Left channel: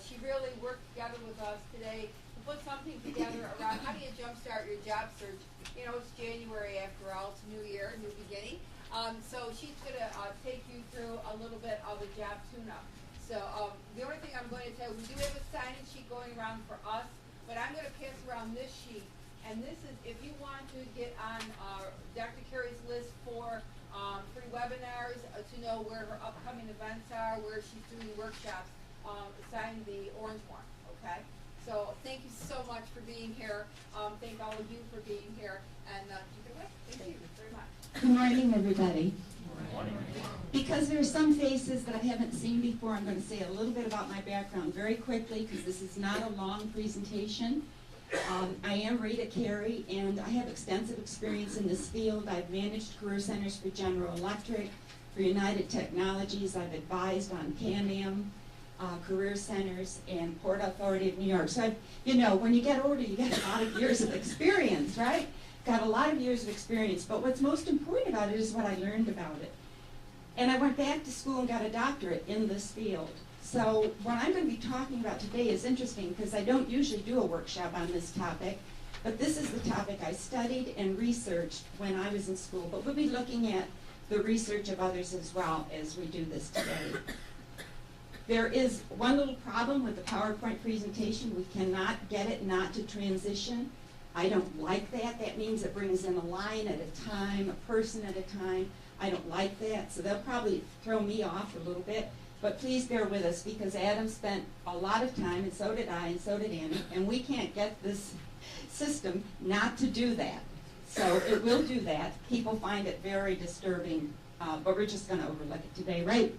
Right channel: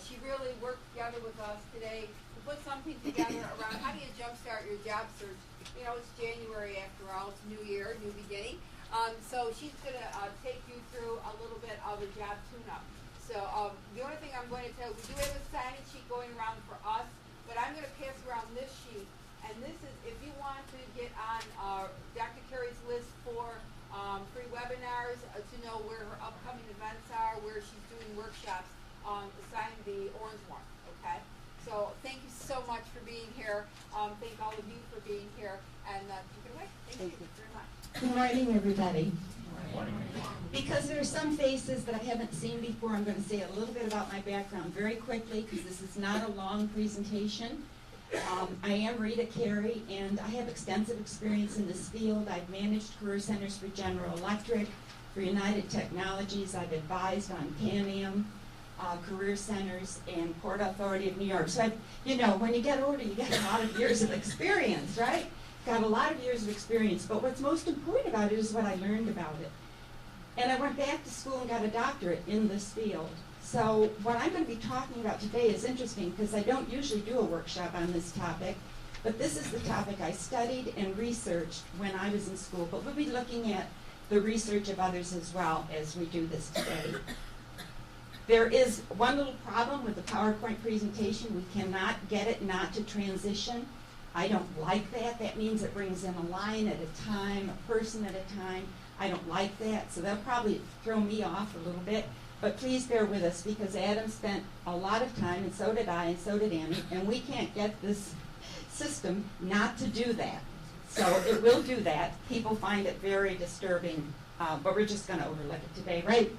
she really worked together with us today to put something together around how do you jumpstart your job search. You know, it's January after all, it's New Year, new beginning. So she's going to take you through a little bit of a job tune-up. So the only thing I'm going to tell you, we do have a sign-in sheet going around for us, but I'm going to pass around this sheet. And this is if you want to get on Dr. Carey's list for free webinars, to know where her upcoming events are, where she's doing workshops, sign the orange one, okay? So thank you so much for being here. Thank all of you for being here. And take it away. Thank you very much. Good morning, everybody. Because there are some faces that I haven't seen before, I'm going to say a little bit about my background very quickly because this is not a long presentation. I am Rita Carey, and I have extensive experience in this field. I've managed career centers for General Electric, for United Technologies. I've advised on Can-Am career centers and Port Authority of New York. So, you know, when you get older, you get a lot of years of experience, right? Got a lot of years of experience, but what's most important about it is what I learned about it. And I went back to school and got a doctorate in this field. So what I'm going to be talking about today is interesting because I don't usually do a workshop on this topic, but this is the topic I studied and researched when I was in school. But we'll be looking at the research of others as well as we do this today. There is one little problem with the PowerPoint presentation. We cannot get it not to transition. I don't like that. That means it brings in a line at a time, a person at a time. I don't like that, so they'll probably throw me off a little bit. But please bear with us because Adam spent a lot of time, and so did I, and so did Annie, and we can't get this system not to do that. So it will do that. People find it very disturbing, but we're just going to overlook it today, right?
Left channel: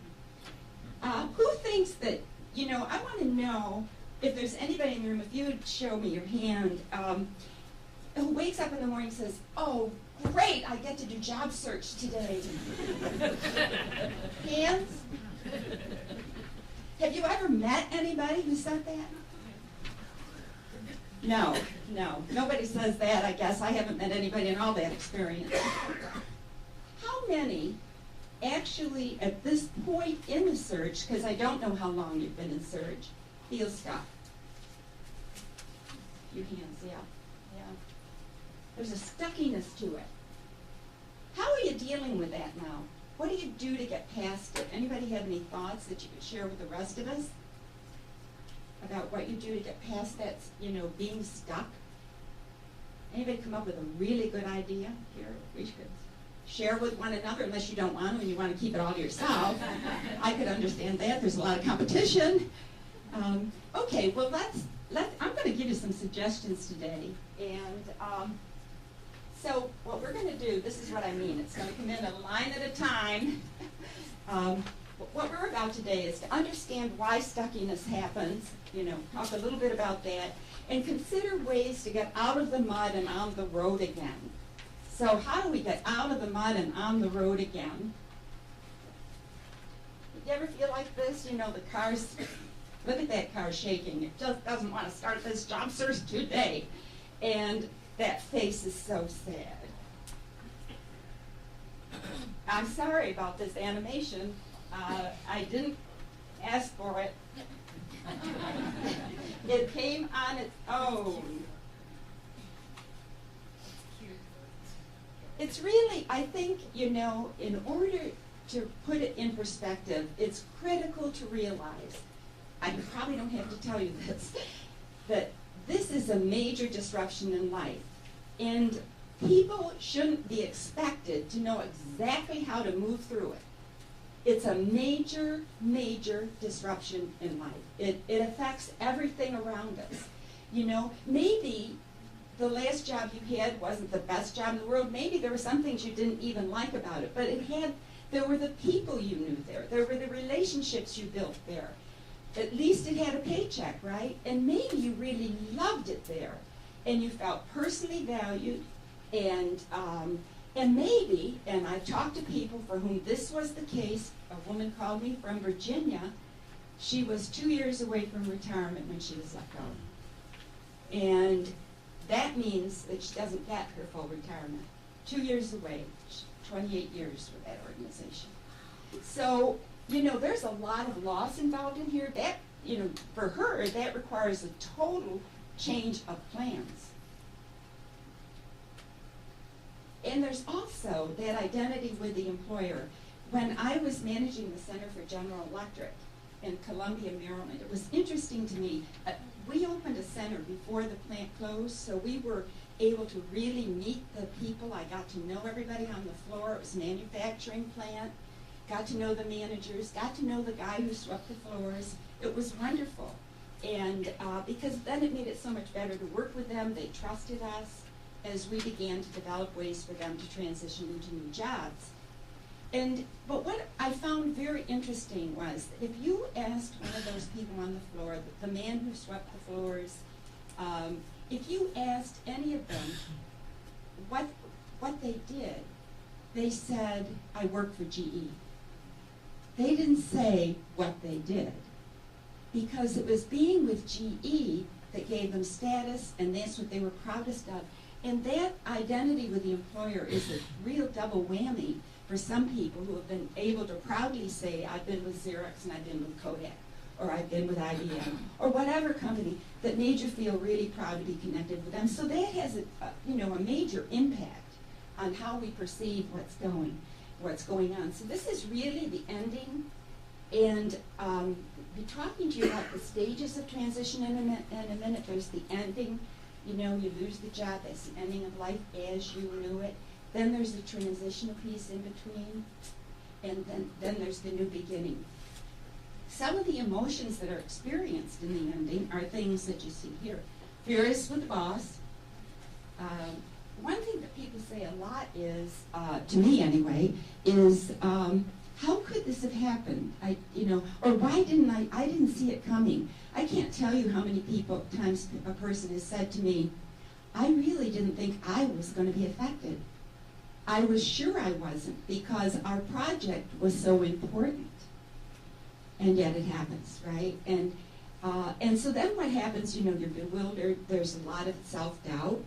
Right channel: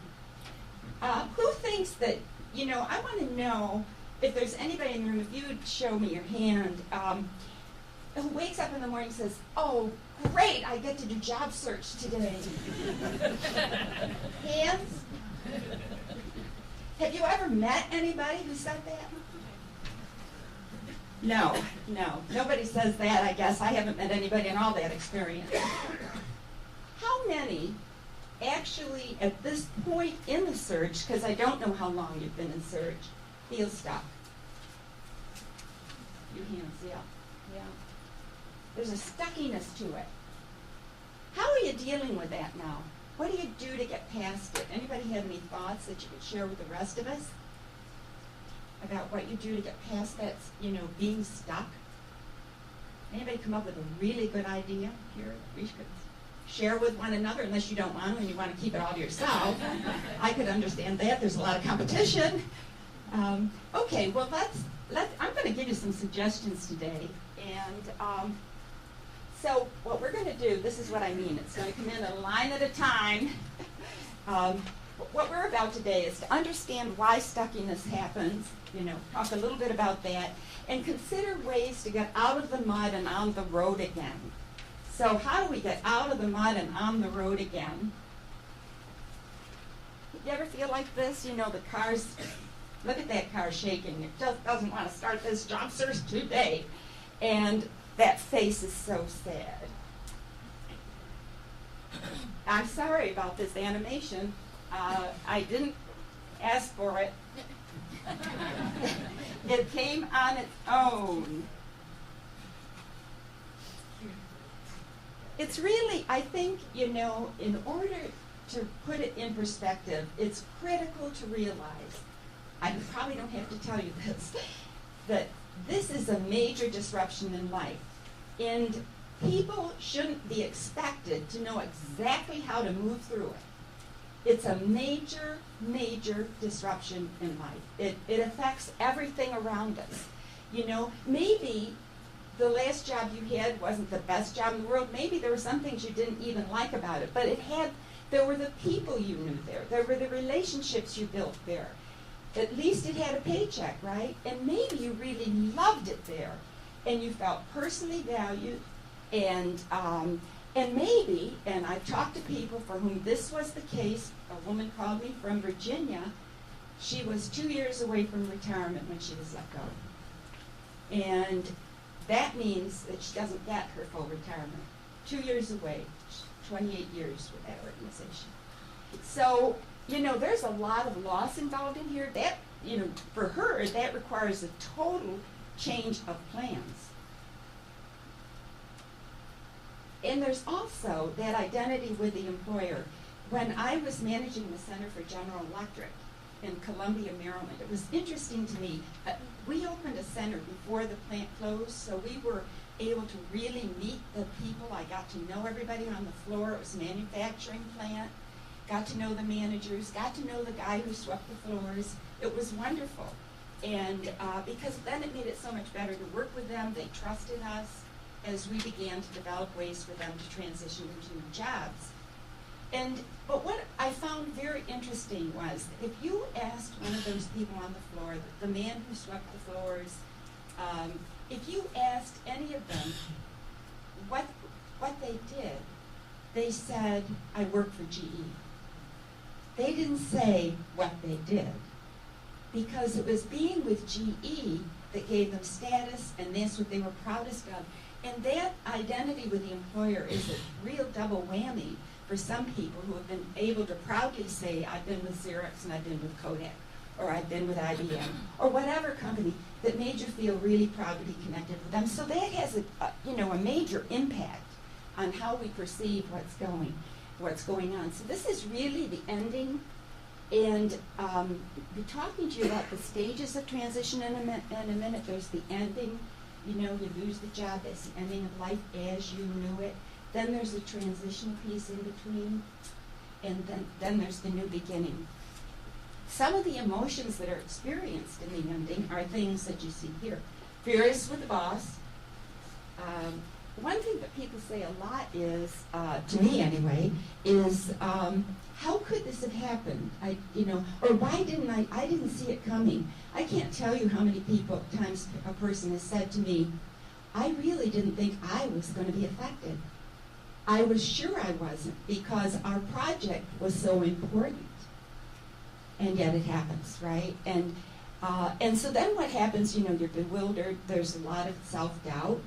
Who thinks that, you know, I want to know if there's anybody in the room, if you would show me your hand, who wakes up in the morning and says, oh, great, I get to do job search today. Hands? Have you ever met anybody who said that? No, nobody says that, I guess. I haven't met anybody in all that experience. How many actually, at this point in the search, because I don't know how long you've been in search, feel stuck? A few hands, yeah. There's a stuckiness to it. How are you dealing with that now? What do you do to get past it? Anybody have any thoughts that you could share with the rest of us about what you do to get past that, you know, being stuck? Anybody come up with a really good idea here that we could share with one another, unless you don't want to and you want to keep it all to yourself? I could understand that. There's a lot of competition. Okay, well, I'm going to give you some suggestions today. And so what we're going to do, this is what I mean. It's going to come in a line at a time. What we're about today is to understand why stuckiness happens, you know, talk a little bit about that, and consider ways to get out of the mud and on the road again. So how do we get out of the mud and on the road again? You ever feel like this? You know, the car's, look at that car shaking. It just doesn't want to start this job search today. And that face is so sad. I'm sorry about this animation. I didn't ask for it. It came on its own. It's really, I think, you know, in order to put it in perspective, it's critical to realize, I probably don't have to tell you this, that this is a major disruption in life, and people shouldn't be expected to know exactly how to move through it. It's a major, major disruption in life. It affects everything around us. You know, maybe the last job you had wasn't the best job in the world. Maybe there were some things you didn't even like about it, but there were the people you knew there. There were the relationships you built there. At least it had a paycheck, right? And maybe you really loved it there, and you felt personally valued, and maybe, and I've talked to people for whom this was the case. A woman called me from Virginia. She was 2 years away from retirement when she was let go. And that means that she doesn't get her full retirement. 2 years away, 28 years with that organization. So, you know, there's a lot of loss involved in here. for her, that requires a total change of plans. And there's also that identity with the employer. When I was managing the Center for General Electric in Columbia, Maryland, it was interesting to me. We opened a center before the plant closed, so we were able to really meet the people. I got to know everybody on the floor. It was a manufacturing plant. Got to know the managers, got to know the guy who swept the floors. It was wonderful. And because then it made it so much better to work with them. They trusted us as we began to develop ways for them to transition into new jobs. But what I found very interesting was that if you asked one of those people on the floor, the man who swept the floors, if you asked any of them what they did, they said, I work for GE. They didn't say what they did, because it was being with GE that gave them status, and that's what they were proudest of. And that identity with the employer is a real double whammy for some people who have been able to proudly say, I've been with Xerox and I've been with Kodak, or I've been with IBM, or whatever company that made you feel really proud to be connected with them. So that has a major impact on how we perceive what's going on. So this is really the ending, and be talking to you about the stages of transition in a minute. There's the ending. You lose the job. That's the ending of life as you knew it. Then there's a transitional piece in between, and then there's the new beginning. Some of the emotions that are experienced in the ending are things that you see here. Furious with the boss. One thing that people say a lot is, to me anyway, is how could this have happened? Or why didn't I didn't see it coming. I can't tell you how many times a person has said to me, I really didn't think I was going to be affected. I was sure I wasn't, because our project was so important. And yet it happens, right? And so then what happens, you're bewildered. There's a lot of self-doubt.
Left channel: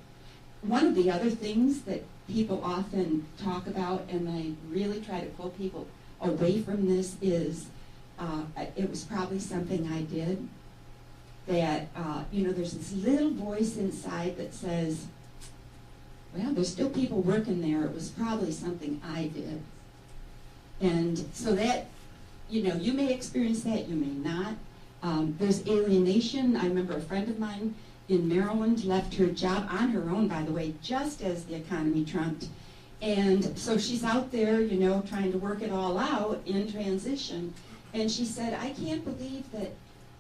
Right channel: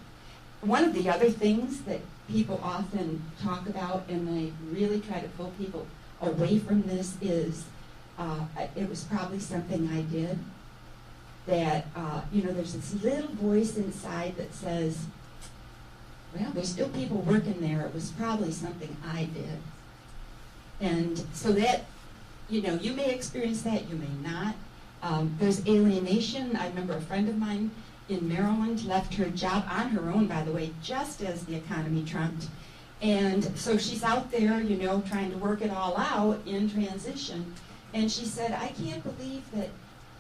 One of the other things that people often talk about, and I really try to pull people away from this, is it was probably something I did. That, there's this little voice inside that says, well, there's still people working there. It was probably something I did. And so that, you may experience that, you may not. There's alienation. I remember a friend of mine in Maryland left her job on her own, by the way, just as the economy trumped. And so she's out there, trying to work it all out in transition. And she said, I can't believe that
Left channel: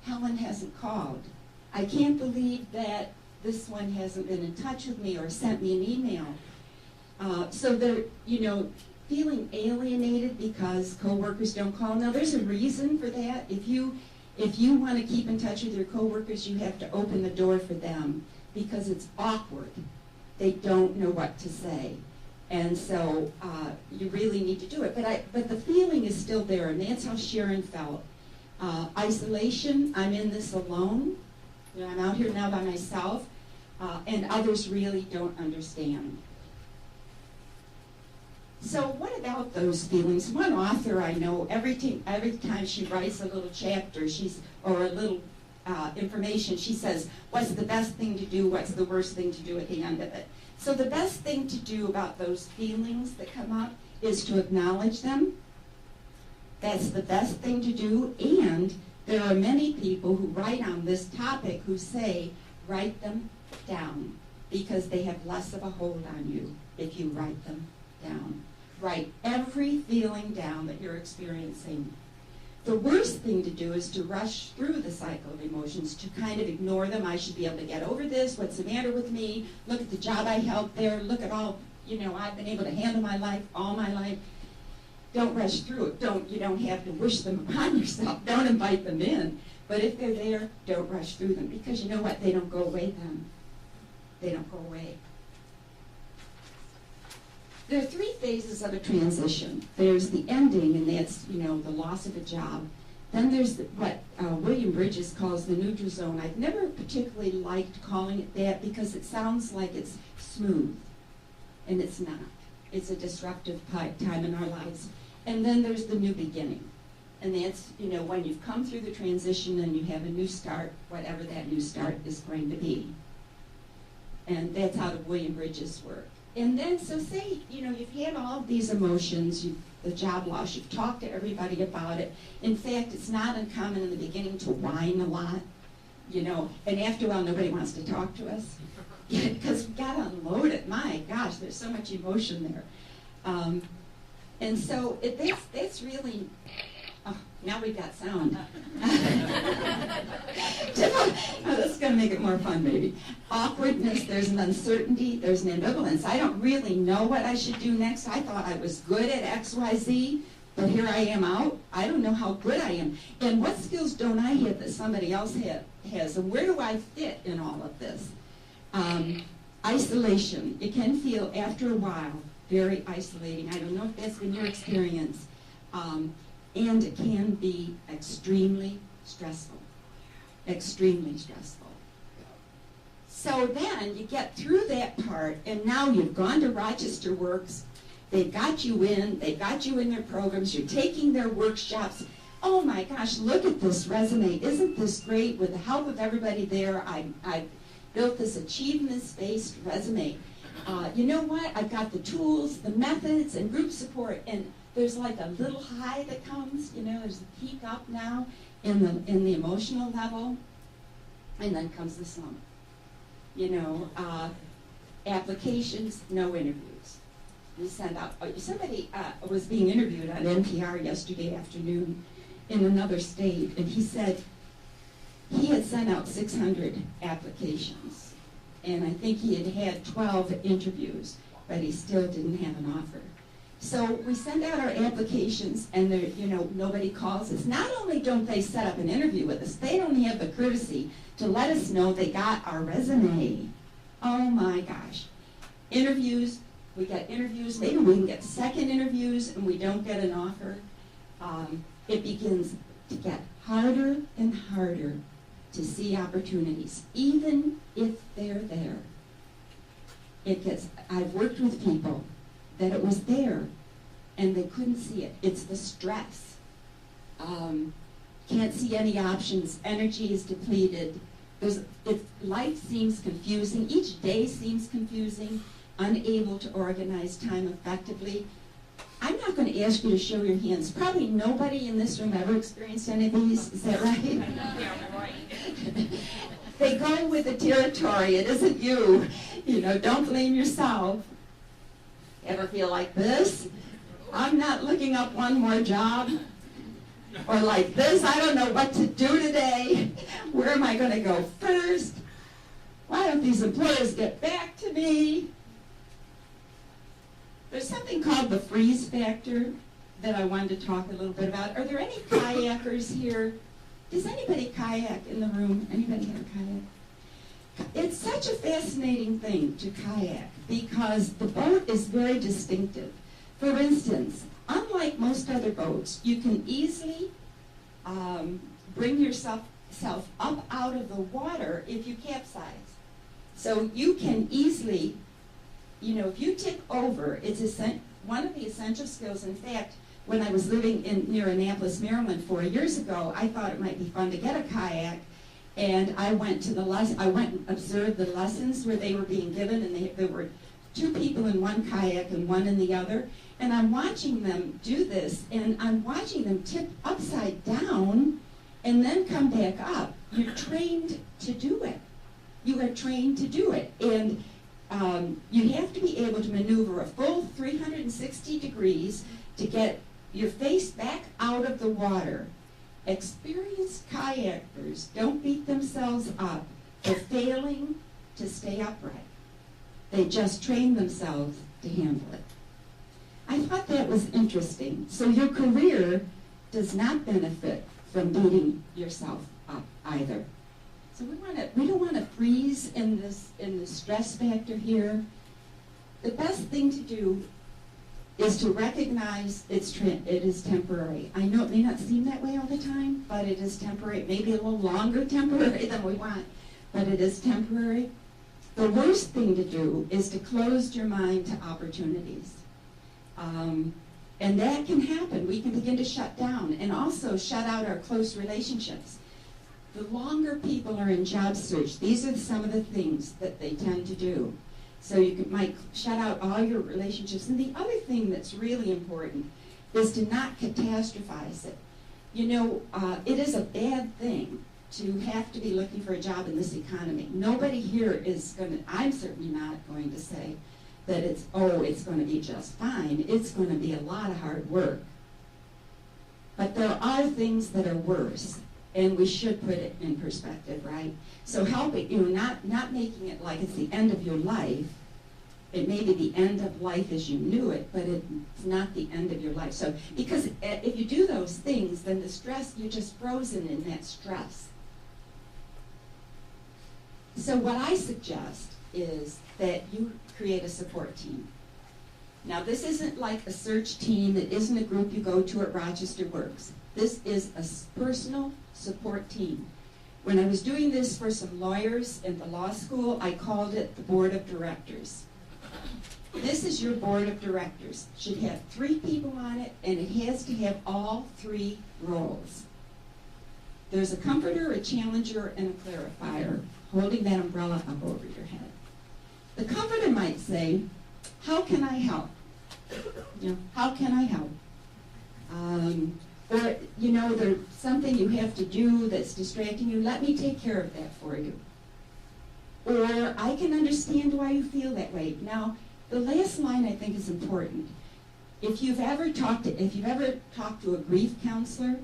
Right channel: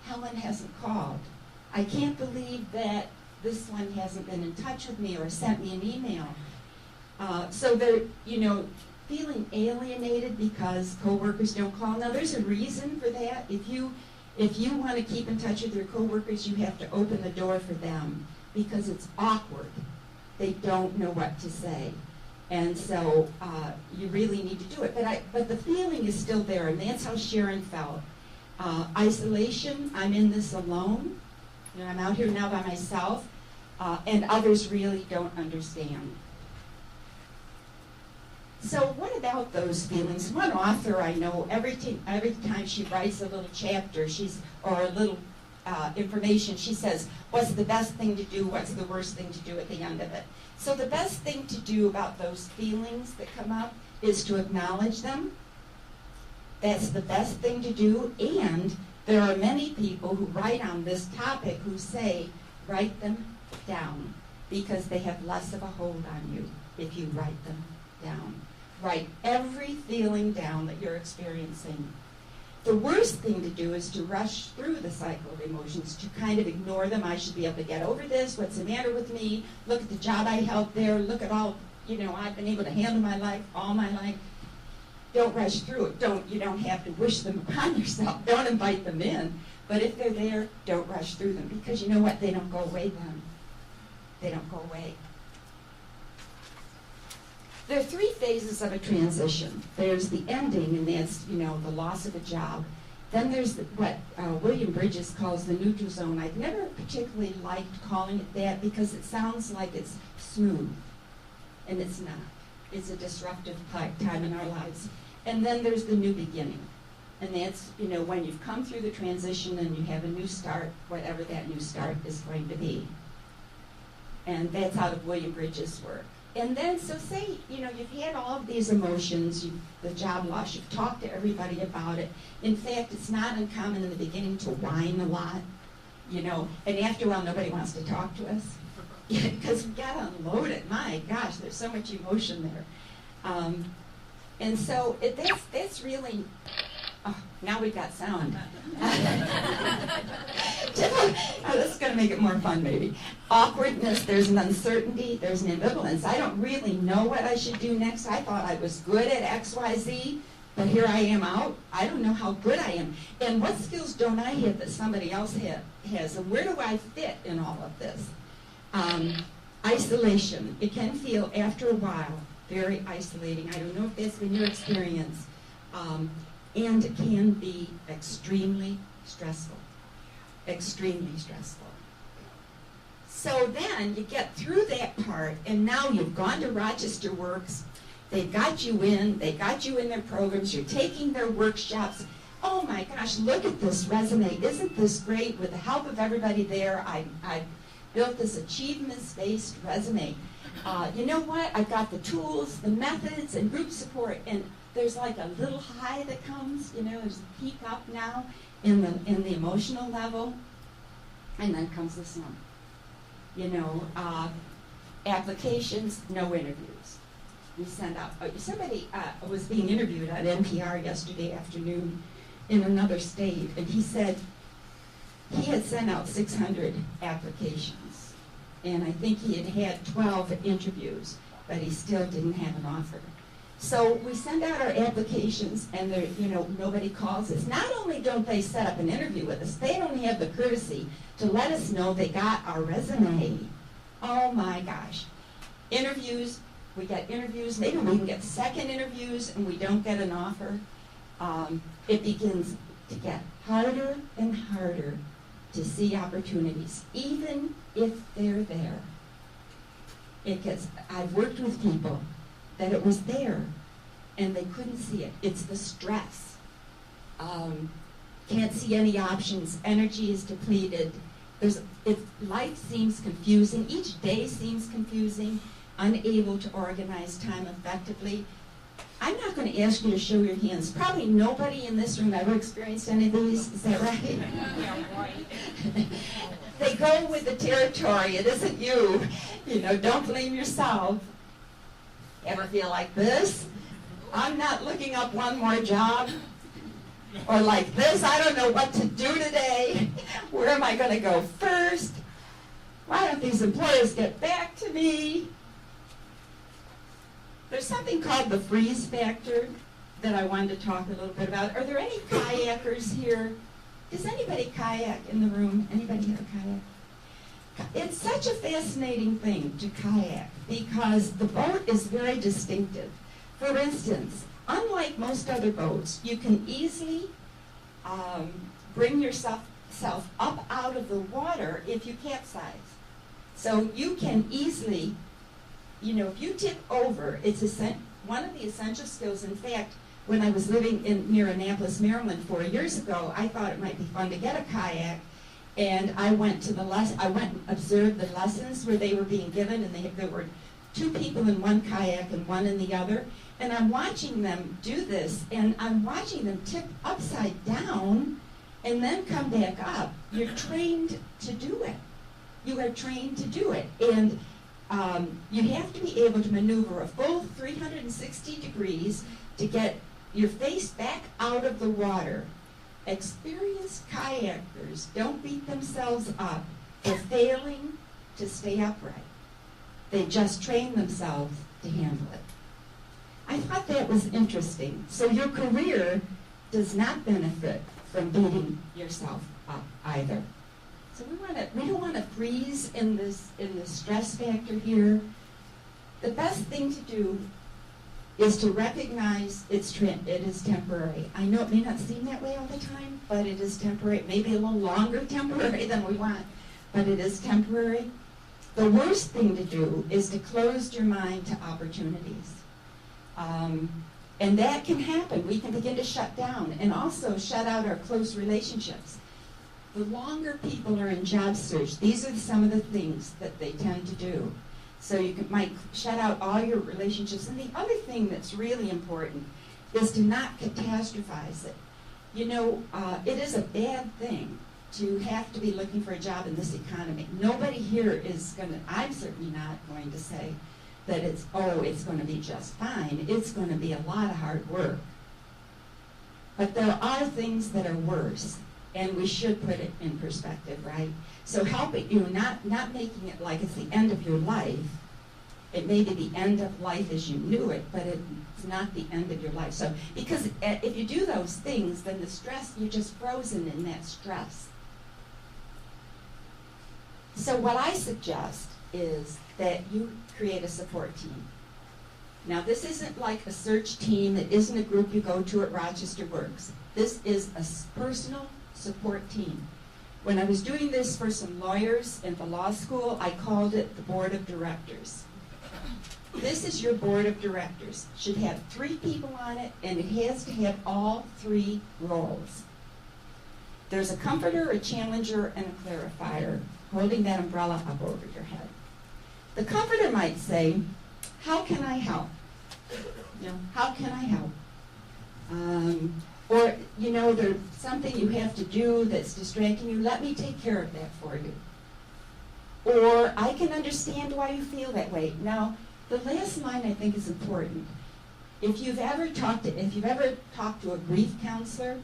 Helen hasn't called. I can't believe that this one hasn't been in touch with me or sent me an email. So they're, feeling alienated because coworkers don't call. Now, there's a reason for that. If you want to keep in touch with your coworkers, you have to open the door for them, because it's awkward. They don't know what to say. And so you really need to do it. But the feeling is still there, and that's how Sharon felt. Isolation, I'm in this alone. I'm out here now by myself, and others really don't understand. So what about those feelings? One author I know, every time she writes a little chapter, or a little information, she says, what's the best thing to do, what's the worst thing to do at the end of it? So the best thing to do about those feelings that come up is to acknowledge them. That's the best thing to do, and there are many people who write on this topic who say, write them down, because they have less of a hold on you if you write them down. Write every feeling down that you're experiencing. The worst thing to do is to rush through the cycle of emotions, to kind of ignore them. I should be able to get over this. What's the matter with me? Look at the job I held there. Look at all, I've been able to handle my life all my life. Don't rush through it. You don't have to wish them upon yourself. Don't invite them in. But if they're there, don't rush through them, because you know what? They don't go away then. They don't go away. There are three phases of a transition. There's the ending, and that's, the loss of a job. Then there's what William Bridges calls the neutral zone. I've never particularly liked calling it that, because it sounds like it's smooth, and it's not. It's a disruptive time in our lives. And then there's the new beginning. And that's, when you've come through the transition and you have a new start, whatever that new start is going to be. And that's out of William Bridges' work. And then, so say, you've had all of these emotions, the job loss, you've talked to everybody about it. In fact, it's not uncommon in the beginning to whine a lot, and after a while, nobody wants to talk to us. Because we've got to unload it. My gosh, there's so much emotion there. And so that's really, now we've got sound. This is going to make it more fun, maybe. Awkwardness, there's an uncertainty, there's an ambivalence. I don't really know what I should do next. I thought I was good at X, Y, Z, but here I am out. I don't know how good I am. And what skills don't I have that somebody else has? And where do I fit in all of this? Isolation. It can feel, after a while, very isolating. I don't know if that's been your experience. And it can be extremely stressful. Extremely stressful. So then you get through that part, and now you've gone to Rochester Works. They've got you in their programs. You're taking their workshops. Oh my gosh, look at this resume. Isn't this great? With the help of everybody there, I built this achievements-based resume. You know what? I've got the tools, the methods, and group support, and there's like a little high that comes, there's a peak up now in the emotional level, and then comes the slump. Applications, no interviews. We send out, somebody was being interviewed on NPR yesterday afternoon in another state, and he said he had sent out 600 applications, and I think he had 12 interviews, but he still didn't have an offer. So we send out our applications, and nobody calls us. Not only don't they set up an interview with us, they don't have the courtesy to let us know they got our resume. Oh my gosh. Interviews, we get interviews, maybe we even get second interviews, and we don't get an offer. It begins to get harder and harder to see opportunities, even if they're there. I've worked with people that it was there, and they couldn't see it. It's the stress. Can't see any options. Energy is depleted. Life seems confusing. Each day seems confusing. Unable to organize time effectively. I'm not going to ask you to show your hands. Probably nobody in this room ever experienced any of these. Is that right? Yeah, right. They go with the territory. It isn't you. Don't blame yourself. Ever feel like this? I'm not looking up one more job. Or like this, I don't know what to do today. Where am I going to go first? Why don't these employers get back to me? There's something called the freeze factor that I wanted to talk a little bit about. Are there any kayakers here? Does anybody kayak in the room? Anybody have a kayak? It's such a fascinating thing to kayak because the boat is very distinctive. For instance, unlike most other boats, you can easily bring yourself up out of the water if you capsize. So you can easily, if you tip over, it's one of the essential skills. In fact, when I was living near Annapolis, Maryland 4 years ago, I thought it might be fun to get a kayak. And I went and observed the lessons where they were being given, and there were 2 people in one kayak and 1 in the other. And I'm watching them do this, and I'm watching them tip upside down and then come back up. You're trained to do it. You are trained to do it. And you have to be able to maneuver a full 360 degrees to get your face back out of the water. Experienced kayakers don't beat themselves up for failing to stay upright. They just train themselves to handle it. I thought that was interesting. So your career does not benefit from beating yourself up either. So we don't want to freeze in the stress factor here. The best thing to do is to recognize it is temporary. I know it may not seem that way all the time, but it is temporary. Maybe a little longer temporary than we want, but it is temporary. The worst thing to do is to close your mind to opportunities. And that can happen. We can begin to shut down and also shut out our close relationships. The longer people are in job search, these are some of the things that they tend to do. So might shut out all your relationships. And the other thing that's really important is to not catastrophize it. You know, it is a bad thing to have to be looking for a job in this economy. Nobody here is going to, I'm certainly not going to say that it's going to be just fine. It's going to be a lot of hard work. But there are things that are worse, and we should put it in perspective, right? So helping you, not making it like it's the end of your life. It may be the end of life as you knew it, but it's not the end of your life. So, because if you do those things, then the stress, you're just frozen in that stress. So what I suggest is that you create a support team. Now, this isn't like a search team. It isn't a group you go to at Rochester Works. This is a personal support team. When I was doing this for some lawyers in the law school, I called it the board of directors. This is your board of directors. It should have 3 people on it, and it has to have all 3 roles. There's a comforter, a challenger, and a clarifier holding that umbrella up over your head. The comforter might say, how can I help? You know, how can I help? Or, you know, there's something you have to do that's distracting you. Let me take care of that for you. Or, I can understand why you feel that way. Now, the last line I think is important. If you've ever talked to a grief counselor,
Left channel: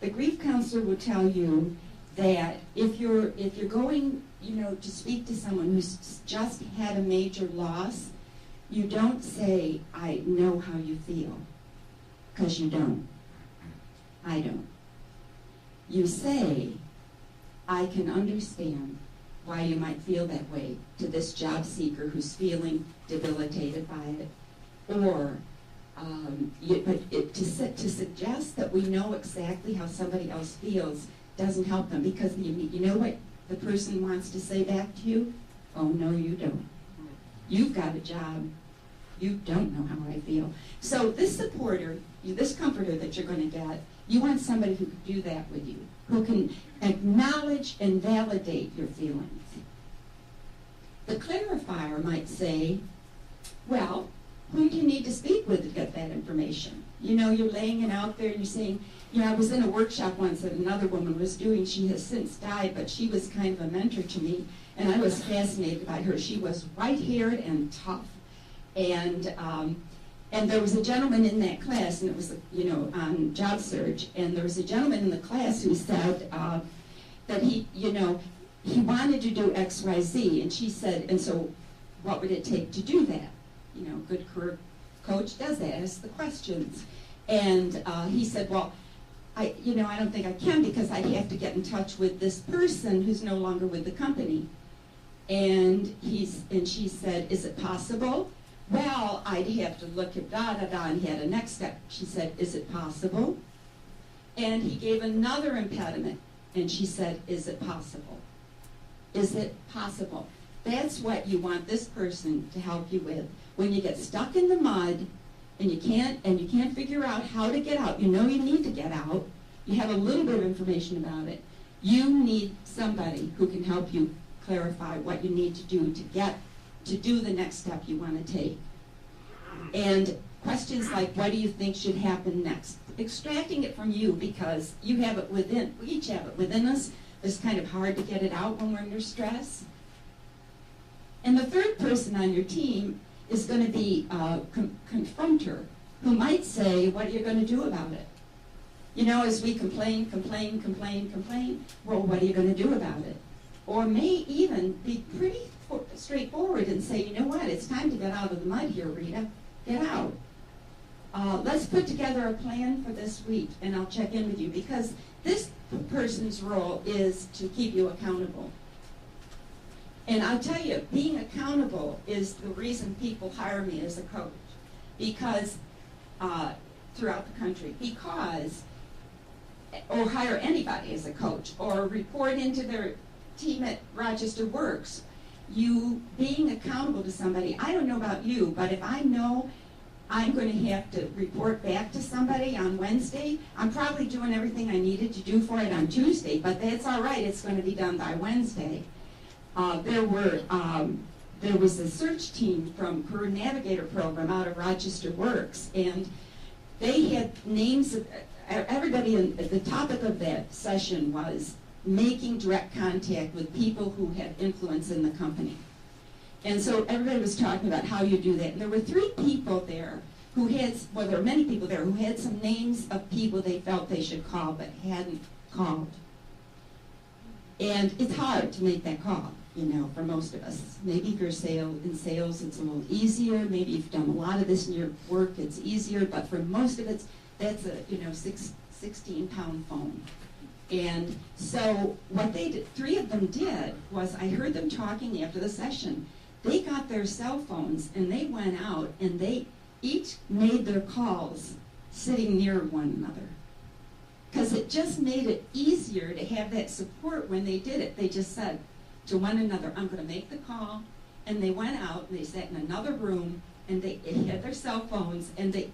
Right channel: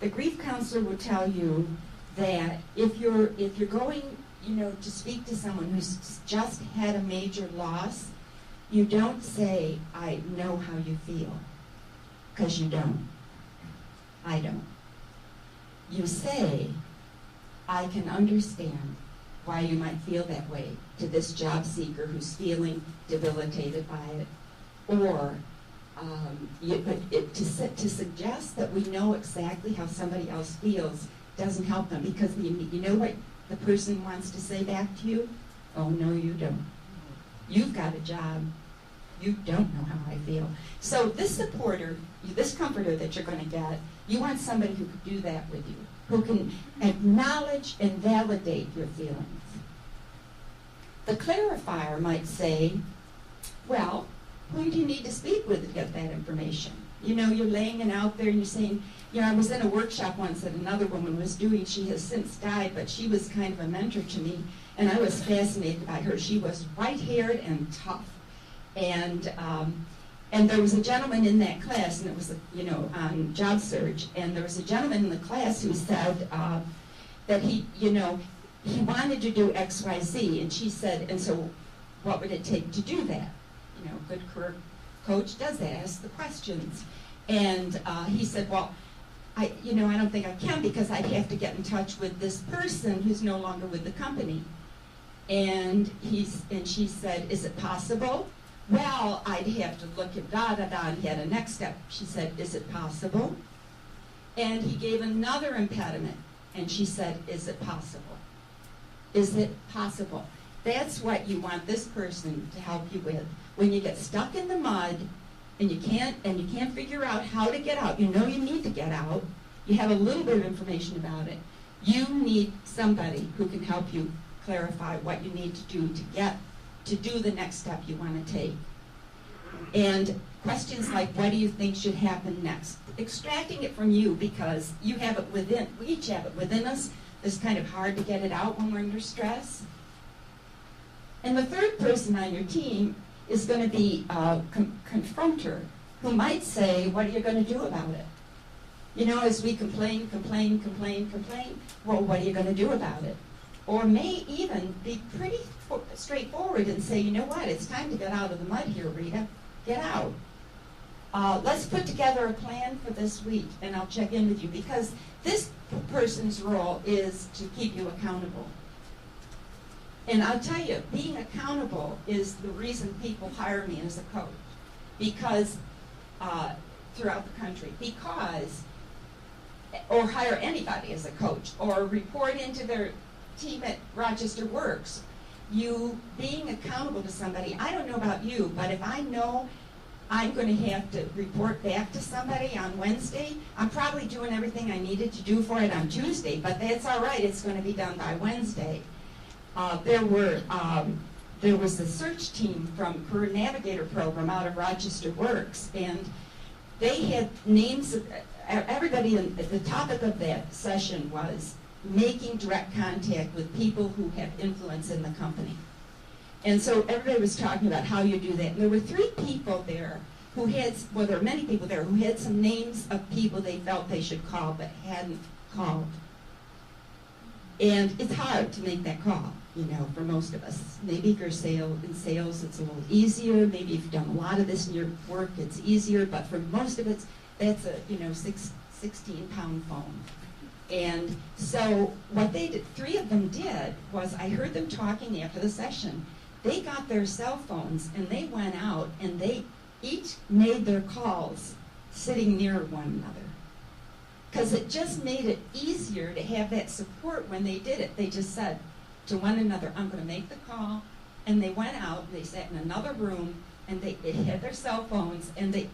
the grief counselor will tell you that if you're going, you know, to speak to someone who's just had a major loss, you don't say, I know how you feel, because you don't. I don't. You say, I can understand why you might feel that way to this job seeker who's feeling debilitated by it. Or, to suggest that we know exactly how somebody else feels doesn't help them, because you know what the person wants to say back to you? Oh, no, you don't. You've got a job. You don't know how I feel. So this supporter, this comforter that you're going to get, you want somebody who can do that with you, who can acknowledge and validate your feelings. The clarifier might say, well, who do you need to speak with to get that information? You know, you're laying it out there and you're saying, you know, I was in a workshop once that another woman was doing. She has since died, but she was kind of a mentor to me, and I was fascinated by her. She was white-haired and tough. And there was a gentleman in that class, and it was, you know, on job search, and there was a gentleman in the class who said that he, you know, he wanted to do X, Y, Z, and she said, and so what would it take to do that? You know, good career coach does that, asks the questions. And he said, well, I don't think I can, because I have to get in touch with this person who's no longer with the company. And she said, is it possible? Well, I'd have to look at da-da-da, and he had a next step. She said, is it possible? And he gave another impediment, and she said, is it possible? Is it possible? That's what you want this person to help you with. When you get stuck in the mud, and you can't figure out how to get out, you know you need to get out, you have a little bit of information about it, you need somebody who can help you clarify what you need to do to do the next step you want to take. And questions like, what do you think should happen next? Extracting it from you, because you have it within, we each have it within us. It's kind of hard to get it out when we're under stress. And the third person on your team is going to be a confronter, who might say, what are you going to do about it? You know, as we complain, well, what are you going to do about it? Or may even be pretty straightforward and say, you know what, it's time to get out of the mud here, Rita. Get out. Let's put together a plan for this week, and I'll check in with you, because this person's role is to keep you accountable. And I'll tell you, being accountable is the reason people hire me as a coach, because throughout the country, or hire anybody as a coach, or report into their team at Rochester Works. You being accountable to somebody, I don't know about you, but if I know I'm going to have to report back to somebody on Wednesday. I'm probably doing everything I needed to do for it on Tuesday, but that's all right. It's going to be done by Wednesday. There was a search team from Career Navigator program out of Rochester Works, and they had names of everybody. The topic of that session was making direct contact with people who have influence in the company. And so everybody was talking about how you do that. And there were 3 people there who had, well, there were many people there who had some names of people they felt they should call but hadn't called. And it's hard to make that call, you know, for most of us. Maybe if you're in sales, it's a little easier. Maybe if you've done a lot of this in your work, it's easier. But for most of it, that's a, 16-pound phone. And so what they did, 3 of them did, was I heard them talking after the session. They got their cell phones and they went out and they each made their calls sitting near one another. Because it just made it easier to have that support when they did it. They just said to one another, I'm going to make the call. And they went out and they sat in another room and they had their cell phones and they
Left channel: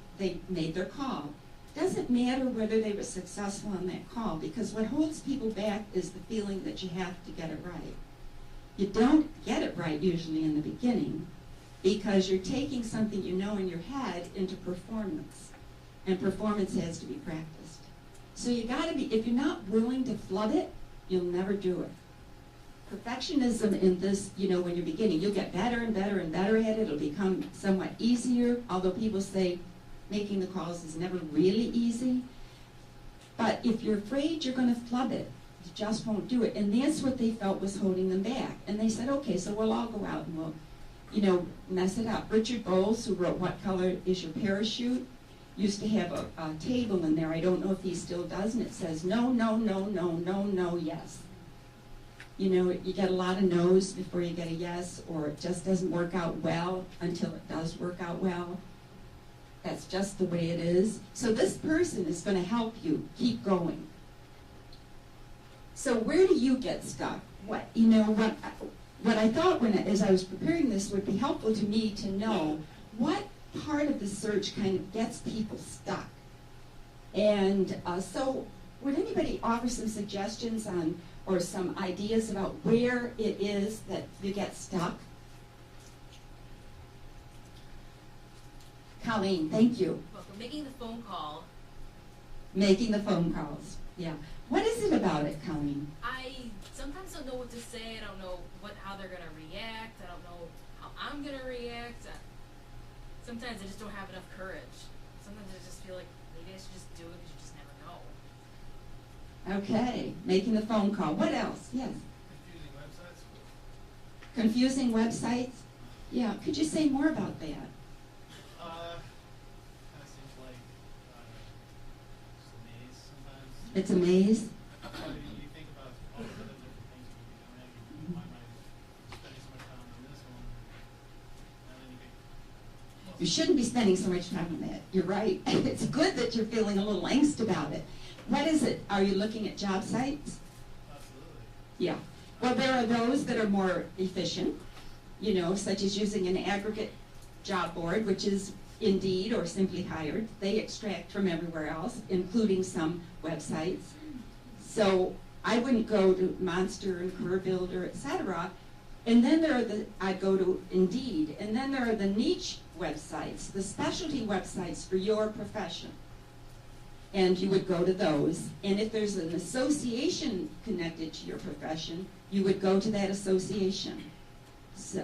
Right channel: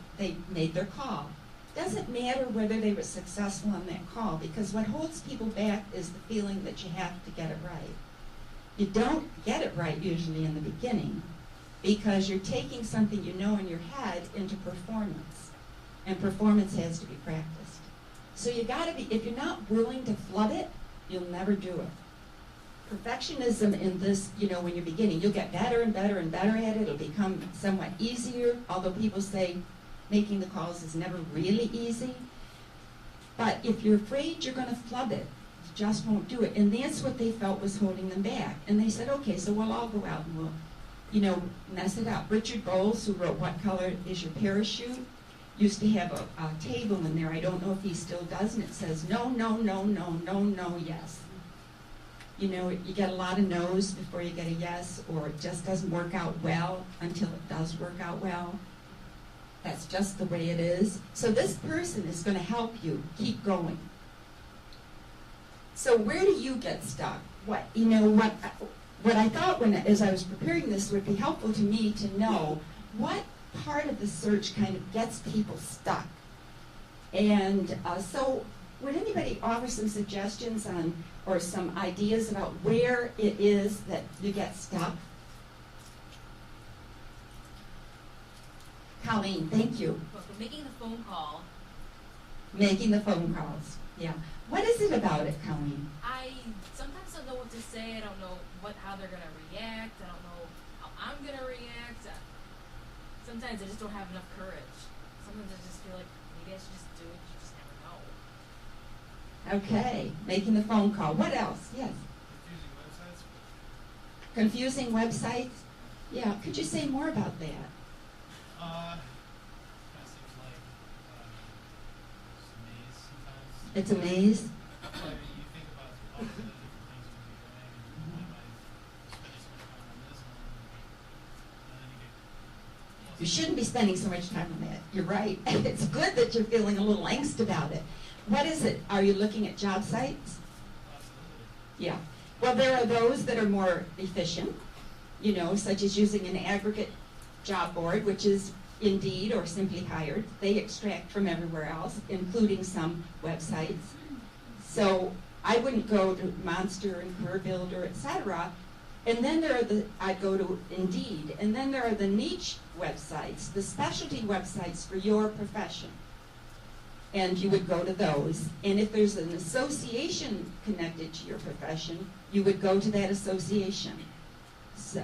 made their call. Doesn't matter whether they were successful on that call, because what holds people back is the feeling that you have to get it right. You don't get it right usually in the beginning because you're taking something you know in your head into performance, and performance has to be practiced. So you got to be, if you're not willing to flood it, you'll never do it. Perfectionism in this, when you're beginning, you'll get better and better and better at it. It'll become somewhat easier, although people say making the calls is never really easy. But if you're afraid you're going to flood it, you just won't do it. And that's what they felt was holding them back. And they said, okay, so we'll all go out and we'll, mess it up. Richard Bowles, who wrote What Color Is Your Parachute, used to have a table in there. I don't know if he still does, and it says no, no, no, no, no, no, yes. You get a lot of no's before you get a yes, or it just doesn't work out well until it does work out well. That's just the way it is. So this person is going to help you keep going. So where do you get stuck? What I thought as I was preparing this would be helpful to me to know what part of the search kind of gets people stuck. And so would anybody offer some suggestions on or some ideas about where it is that you get stuck? Colleen, thank you. Making the phone call. Making the phone calls, yeah. What is it about it, Colleen? I sometimes don't know what to say. I don't know how they're going to react. I don't know how I'm going to react. Sometimes I just don't have enough courage. Sometimes I just feel like maybe I should just do it, but you just never know. Okay, making the phone call. What else? Yes. Confusing websites. Confusing websites? Yeah, could you say more about that? It's It's a maze sometimes. a maze? You think about all the different things you do, and why am I spending so much time on this one? And then you get lost. You shouldn't be spending so much time on that. You're right. It's good that you're feeling a little angst about it. What is it? Are you looking at job sites? Absolutely. Yeah. Well, there are those that are more efficient, such as using an aggregate job board, which is Indeed or Simply Hired. They extract from everywhere else, including some websites. So I wouldn't go to Monster and Career Builder, etc. And then I'd go to Indeed. And then there are the niche websites, the specialty websites for your profession. And you would go to those. And if there's an association connected to your profession, you would go to that association. So,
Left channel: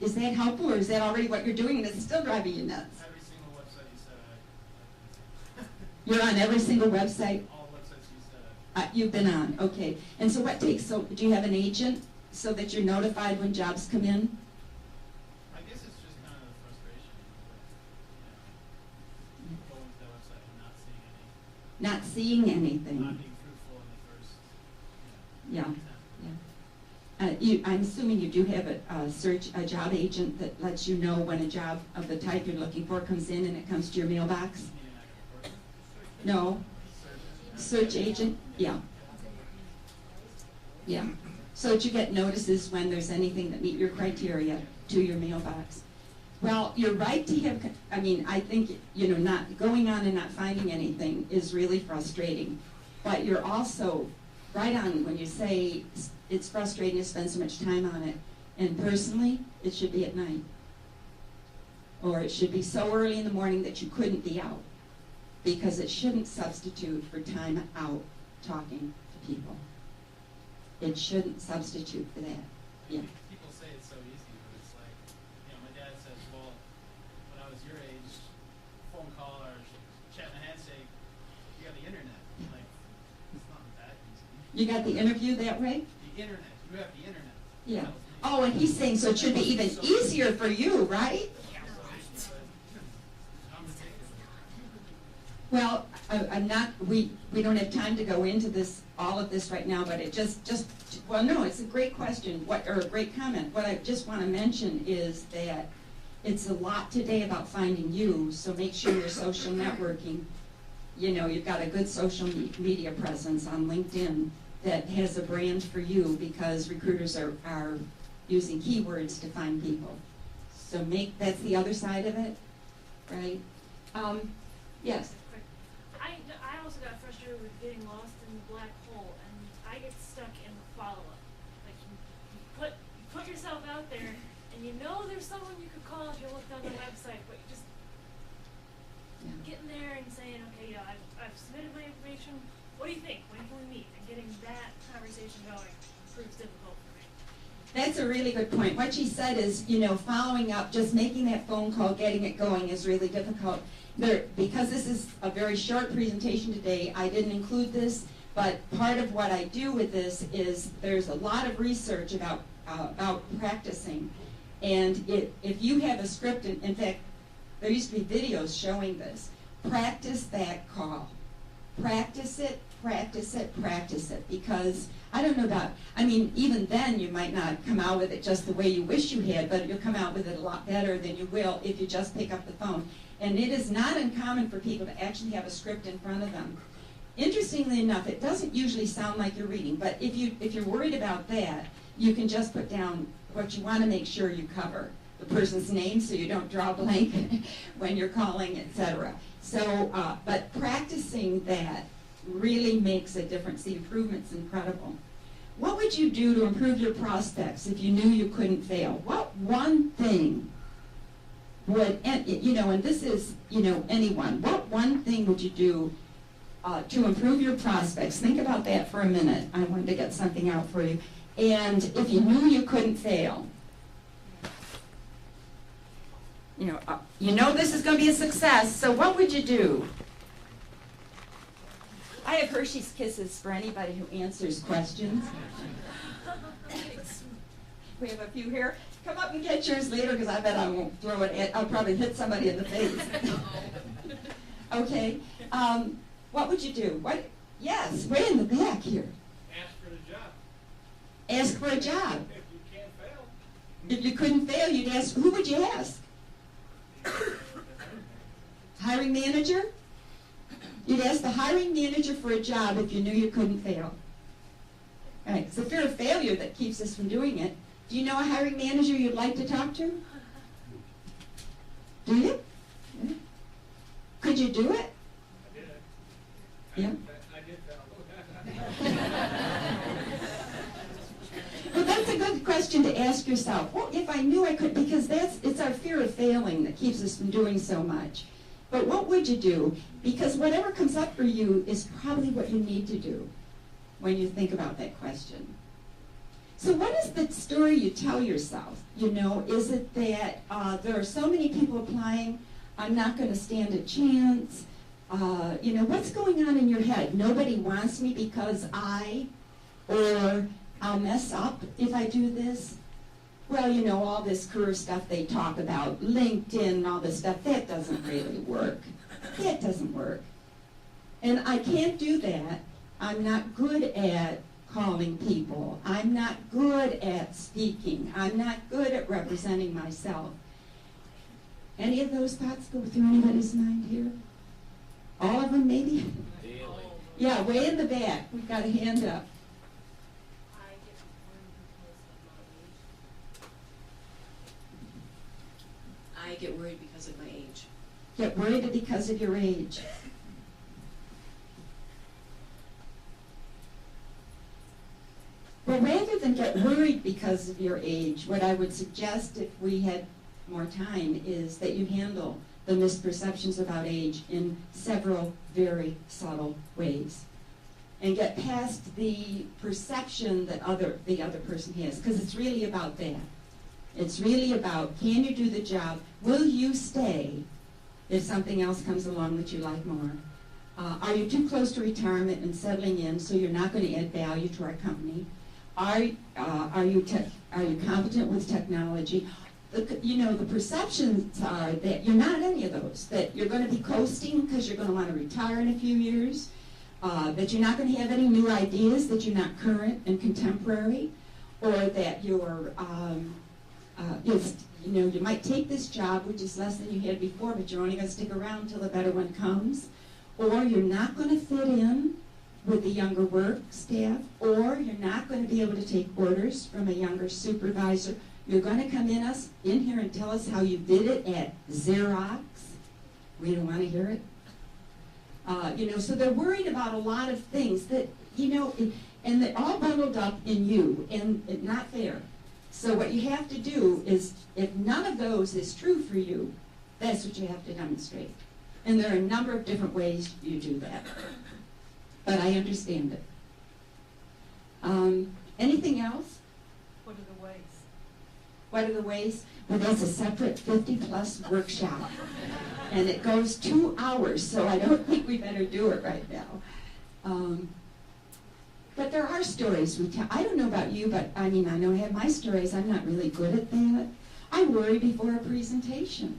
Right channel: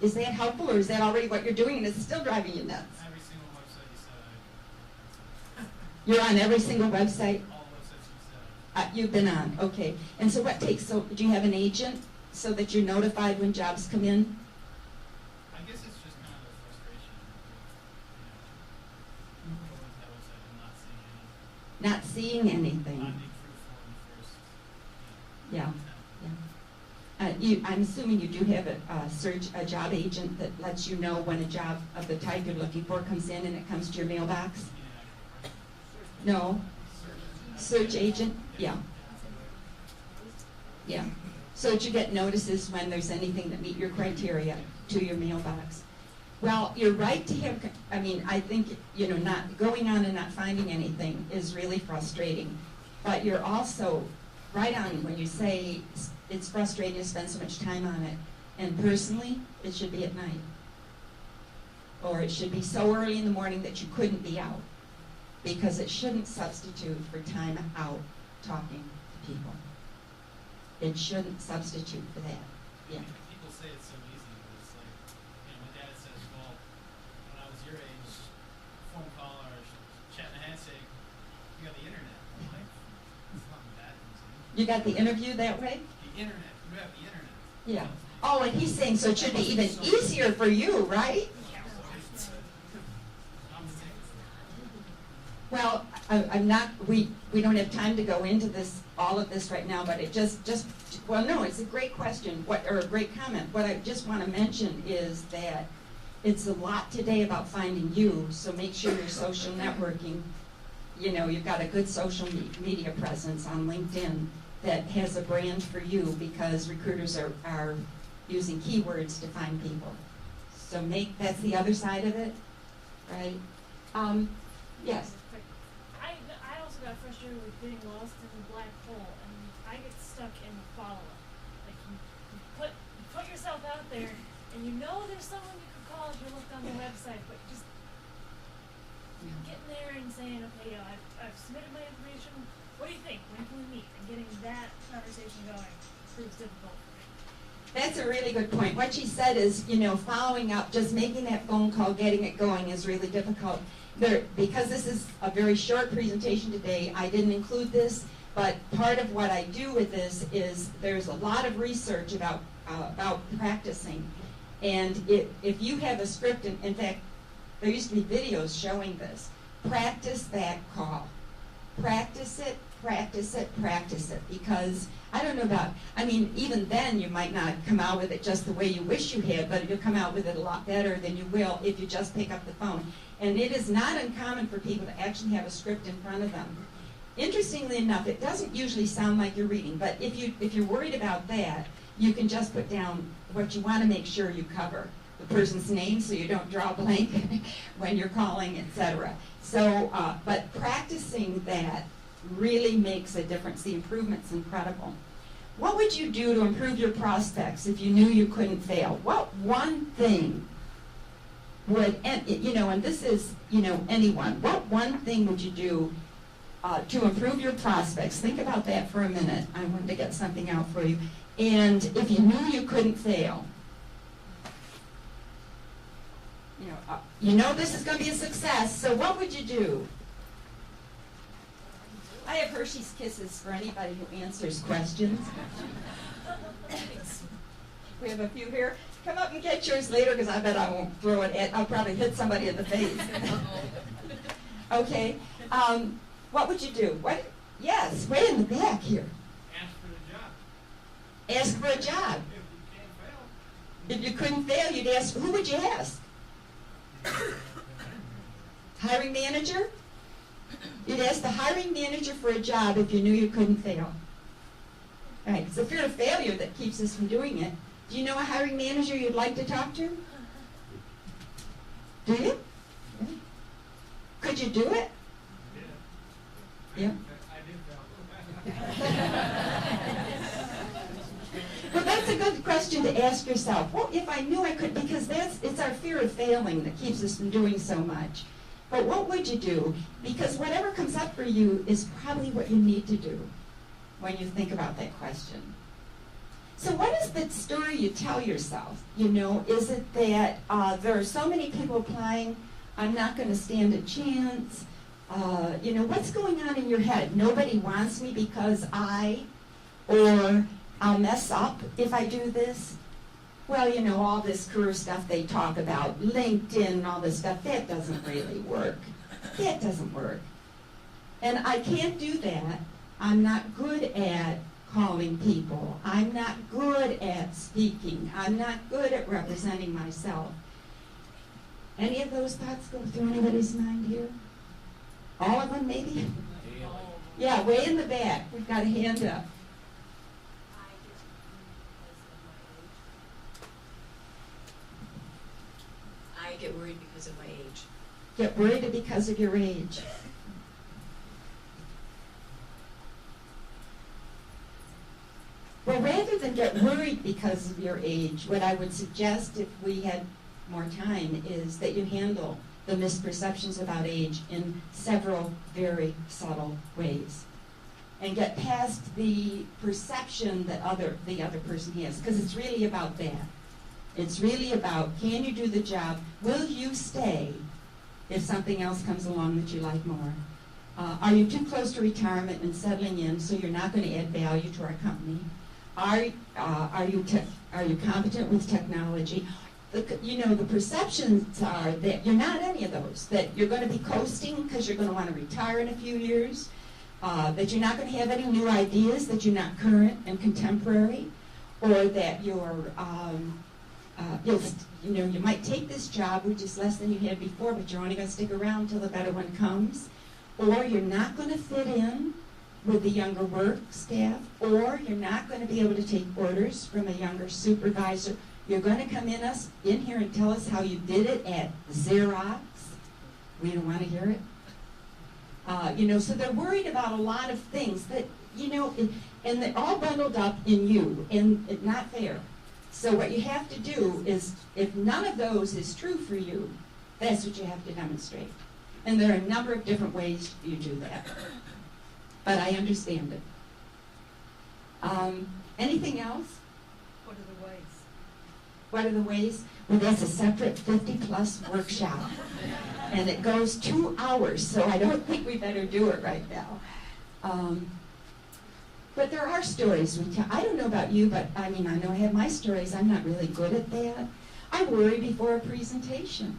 is that helpful, or is that already what you're doing and it's still driving you nuts? Every single website you said You're on every single website all the websites you said. you've been on, okay. And so do you have an agent so that you're notified when jobs come in? I guess it's just kind of a frustration. Going to that website and not seeing anything. Not seeing anything. Not being fruitful in the first. Yeah. I'm assuming you do have a job agent that lets you know when a job of the type you're looking for comes in and it comes to your mailbox? No? Search agent? Yeah. Yeah. So that you get notices when there's anything that meet your criteria to your mailbox. Well, you're right to have, I mean, I think, you know, not going on and not finding anything is really frustrating. But you're also right on when you say it's frustrating to spend so much time on it. And personally, it should be at night. Or it should be so early in the morning that you couldn't be out. Because it shouldn't substitute for time out talking to people. It shouldn't substitute for that. Yeah. People say it's so easy, but it's like, my dad says, well, when I was your age, phone call or chat and handshake, you got the internet. I'm like, it's not that easy. You got the interview that way? The internet, you have the internet. Yeah. Oh, and he's saying, so it should be even easier for you, right? Well, I'm not, we don't have time to go into this, all of this right now, but it well, no, it's a great question, or a great comment. What I just want to mention is that it's a lot today about finding you, so make sure you're social networking. You know, you've got a good social media presence on LinkedIn that has a brand for you, because recruiters are using keywords to find people. So that's the other side of it, right? Yes. I also got frustrated with getting lost in the black hole, and I get stuck in the follow-up. Like you put yourself out there, and you know there's someone you could call if you looked on the website, but you just getting there and saying, okay, I've submitted my information. What do you think? When can we meet? And getting that conversation going proves difficult for me. That's a really good point. What she said is, you know, following up, just making that phone call, getting it going is really difficult. Because this is a very short presentation today, I didn't include this, but part of what I do with this is there's a lot of research about practicing. And if you have a script, in fact, there used to be videos showing this, practice that call. Practice it, practice it, practice it, because I don't know about, I mean, even then you might not come out with it just the way you wish you had, but you'll come out with it a lot better than you will if you just pick up the phone. And it is not uncommon for people to actually have a script in front of them. Interestingly enough, it doesn't usually sound like you're reading, but if you're worried about that, you can just put down what you want to make sure you cover. The person's name, so you don't draw a blank when you're calling, etc. So, but practicing that really makes a difference. The improvement's incredible. What would you do to improve your prospects if you knew you couldn't fail? What one thing would, and this is, anyone, what one thing would you do to improve your prospects? Think about that for a minute. I wanted to get something out for you. And if you knew you couldn't fail, this is going to be a success, so what would you do? I have Hershey's Kisses for anybody who answers questions. We have a few here. Come up and get yours later, because I bet I won't throw it at, I'll probably hit somebody in the face. Okay. What would you do? What? Yes, way in the back here. Ask for the job. Ask for a job. If you can't fail. If you couldn't fail, you'd ask, who would you ask? Hiring manager? You'd ask the hiring manager for a job if you knew you couldn't fail. All right, it's the fear of failure that keeps us from doing it. Do you know a hiring manager you'd like to talk to? Do you? Yeah. Could you do it? Yeah. Well, that's a good question to ask yourself. Well, if I knew I could, because it's our fear of failing that keeps us from doing so much. But what would you do? Because whatever comes up for you is probably what you need to do when you think about that question. So what is the story you tell yourself? Is it that there are so many people applying, I'm not going to stand a chance? What's going on in your head? Nobody wants me because or I'll mess up if I do this. Well, all this career stuff they talk about, LinkedIn and all this stuff, that doesn't really work. That doesn't work. And I can't do that. I'm not good at calling people. I'm not good at speaking. I'm not good at representing myself. Any of those thoughts go through anybody's mind here? All of them, maybe? Yeah, way in the back. We've got a hand up. I I get worried because of my age. Get worried because of your age. Well, rather than get worried because of your age, what I would suggest if we had more time is that you handle the misperceptions about age in several very subtle ways. And get past the perception that the other person has, because it's really about that. It's really about, can you do the job? Will you stay if something else comes along that you like more? Are you too close to retirement and settling in so you're not going to add value to our company? Are you competent with technology? The perceptions are that you're not any of those, that you're going to be coasting because you're going to want to retire in a few years, that you're not going to have any new ideas, that you're not current and contemporary, or that you might take this job, which is less than you had before, but you're only going to stick around until a better one comes, or you're not going to fit in with the younger work staff, or you're not going to be able to take orders from a younger supervisor. You're going to come in here and tell us how you did it at Xerox. We don't want to hear it. So they're worried about a lot of things that, and they're all bundled up in you, and it's not fair. So what you have to do is, if none of those is true for you, that's what you have to demonstrate. And there are a number of different ways you do that. But I understand it. Anything else? What are the ways? What are the ways? Well, that's a separate 50-plus workshop. And it goes 2 hours, so I don't think we better do it right now. But there are stories we tell. I don't know about you, but I know I have my stories. I'm not really good at that. I worry before a presentation,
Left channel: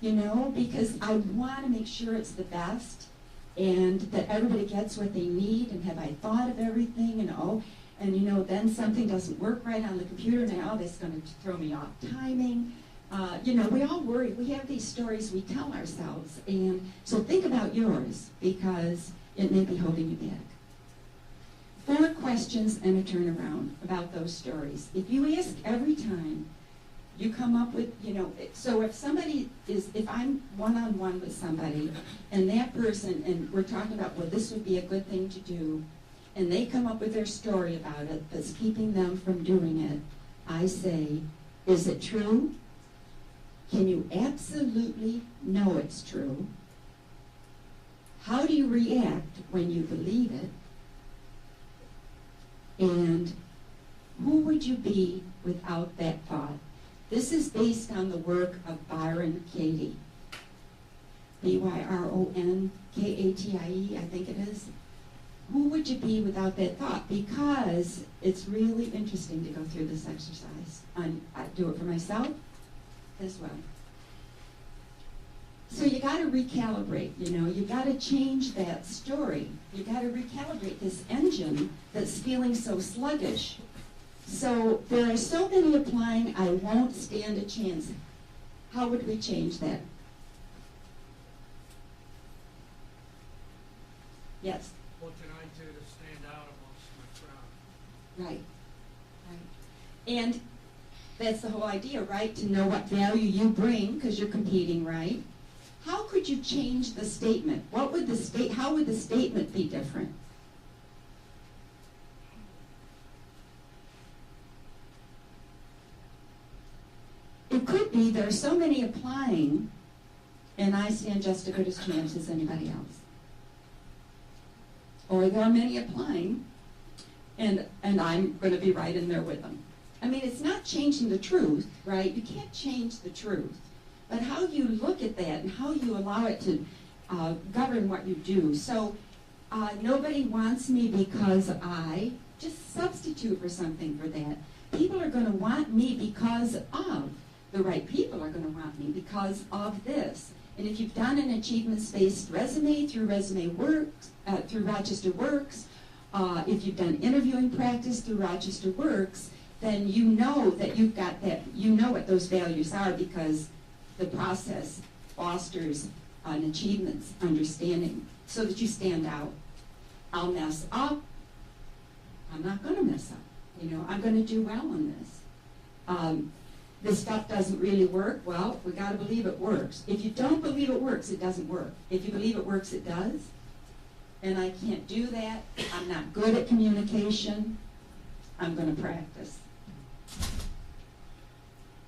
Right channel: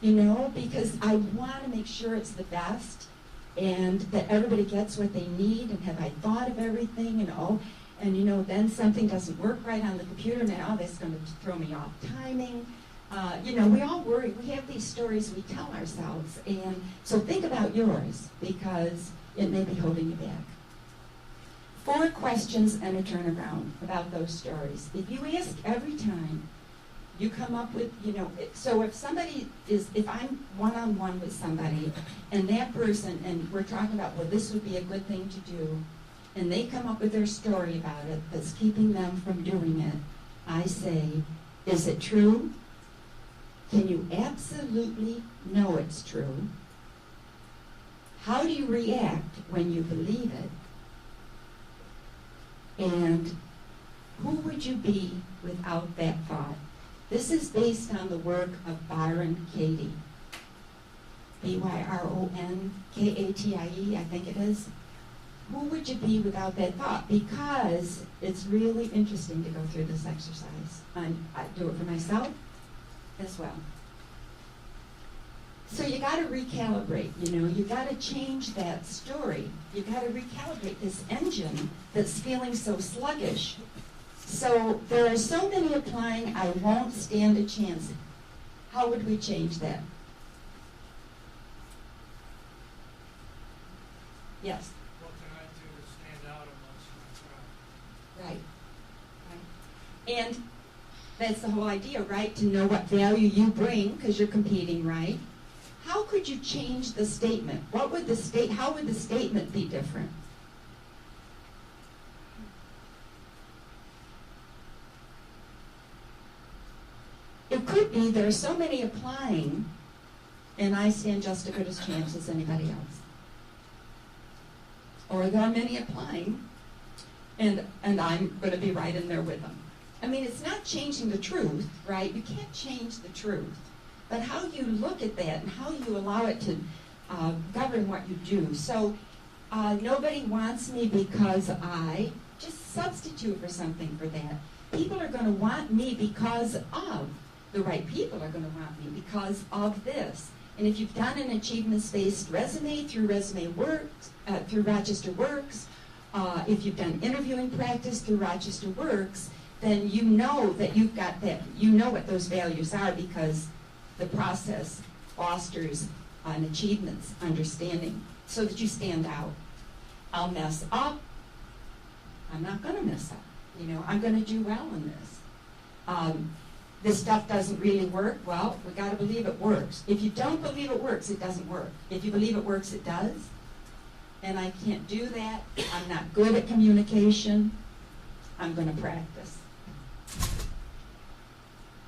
because I want to make sure it's the best and that everybody gets what they need, and have I thought of everything, and then something doesn't work right on the computer, and now that's going to throw me off timing. We all worry. We have these stories we tell ourselves, and so think about yours, because it may be holding you back. 4 questions and a turnaround about those stories. If you ask every time, you come up with, so if I'm one-on-one with somebody, and that person, and we're talking about, well, this would be a good thing to do, and they come up with their story about it that's keeping them from doing it, I say, is it true? Can you absolutely know it's true? How do you react when you believe it? And who would you be without that thought? This is based on the work of Byron Katie. Byronkatie, I think it is. Who would you be without that thought? Because it's really interesting to go through this exercise. I do it for myself as well. So you got to recalibrate, you got to change that story. You got to recalibrate this engine that's feeling so sluggish. So there are so many applying, I won't stand a chance. How would we change that? Yes? What can I do to stand out amongst my crowd? Right. And that's the whole idea, right? To know what value you bring, because you're competing, right? How could you change the statement? How would the statement be different? It could be there are so many applying, and I stand just as good a chance as anybody else. Or there are many applying, and I'm going to be right in there with them. It's not changing the truth, right? You can't change the truth. But how you look at that and how you allow it to govern what you do. So nobody wants me because I just substitute for something for that. People are going to want me because of. The right people are going to want me because of this. And if you've done an achievements-based resume through Resume Works, through Rochester Works, if you've done interviewing practice through Rochester Works, then you know that you've got that, you know what those values are, because the process fosters an achievements understanding so that you stand out. I'll mess up. I'm not going to mess up. I'm going to do well in this. this stuff doesn't really work. Well, we got to believe it works. If you don't believe it works, it doesn't work. If you believe it works, it does. And I can't do that. I'm not good at communication. I'm going to practice.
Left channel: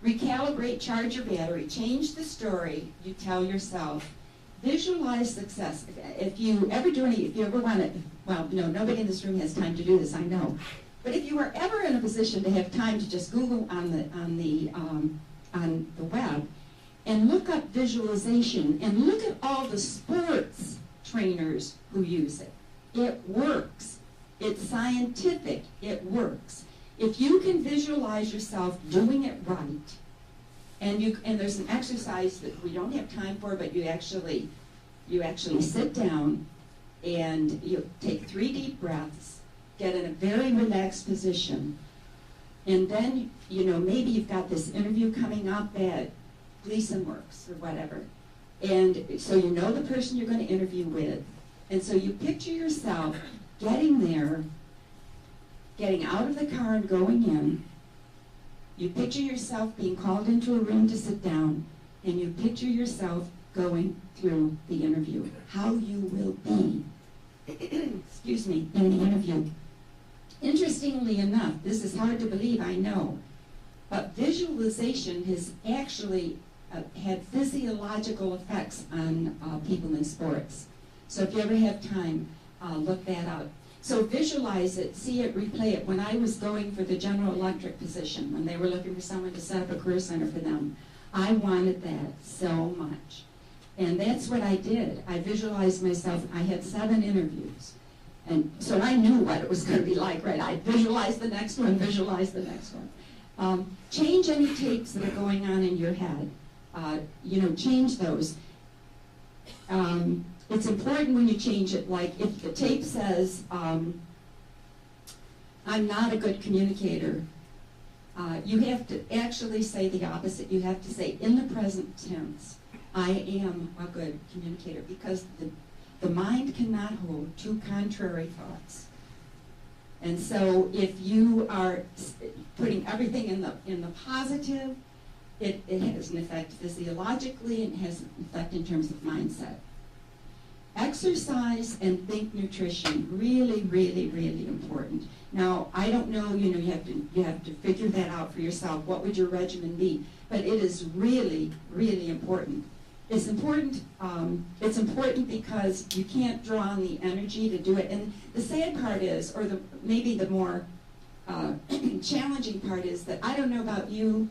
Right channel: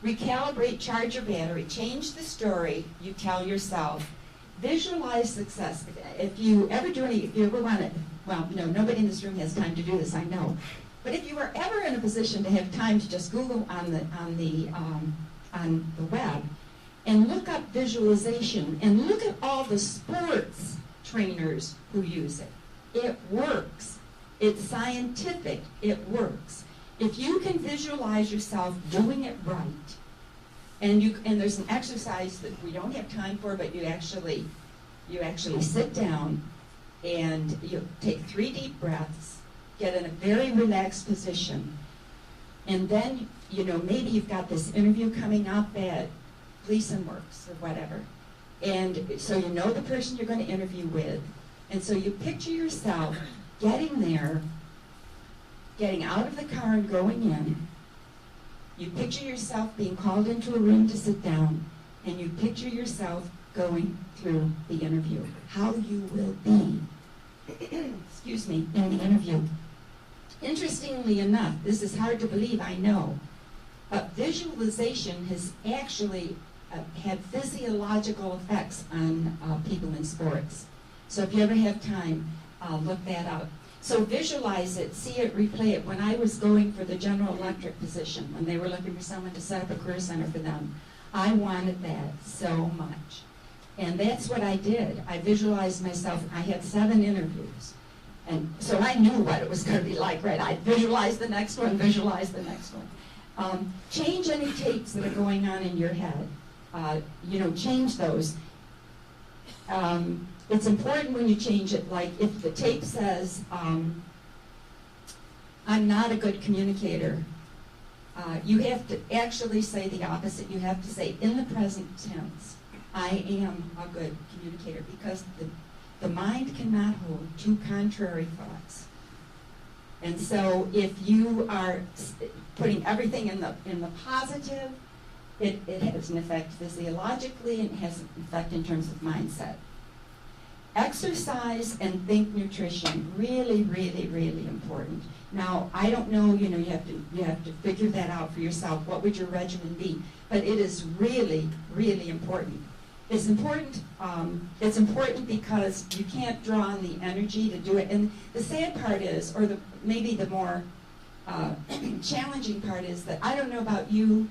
Recalibrate, charge your battery, change the story you tell yourself. Visualize success. If you ever want to, well, no, nobody in this room has time to do this, I know. But if you are ever in a position to have time to just Google on the web and look up visualization and look at all the sports trainers who use it. It works. It's scientific. It works. If you can visualize yourself doing it right, and there's an exercise that we don't have time for, but you actually sit down and you take 3 deep breaths, get in a very relaxed position, and then maybe you've got this interview coming up at Gleason Works or whatever, and so you know the person you're going to interview with, and so you picture yourself getting there, getting out of the car and going in. You picture yourself being called into a room to sit down, and you picture yourself going through the interview, how you will be, excuse me, in the interview. Interestingly enough, this is hard to believe, I know, but visualization has actually had physiological effects on people in sports. So if you ever have time, look that up. So visualize it, see it, replay it. When I was going for the General Electric position, when they were looking for someone to set up a career center for them, I wanted that so much. And that's what I did. I visualized myself. I had 7 interviews. And so I knew what it was going to be like, right? I visualized the next one, visualized the next one. Change any tapes that are going on in your head. Change those. It's important when you change it, like if the tape says, I'm not a good communicator, you have to actually say the opposite. You have to say, in the present tense, I am a good communicator, because the mind cannot hold 2 contrary thoughts. And so if you are putting everything in the positive, it has an effect physiologically, and it has an effect in terms of mindset. Exercise and think nutrition, really, really, really important. Now, I don't know, you have to figure that out for yourself. What would your regimen be? But it is really, really important. It's important because you can't draw on the energy to do it. And the sad part is, or maybe the more challenging part is that I don't know about you,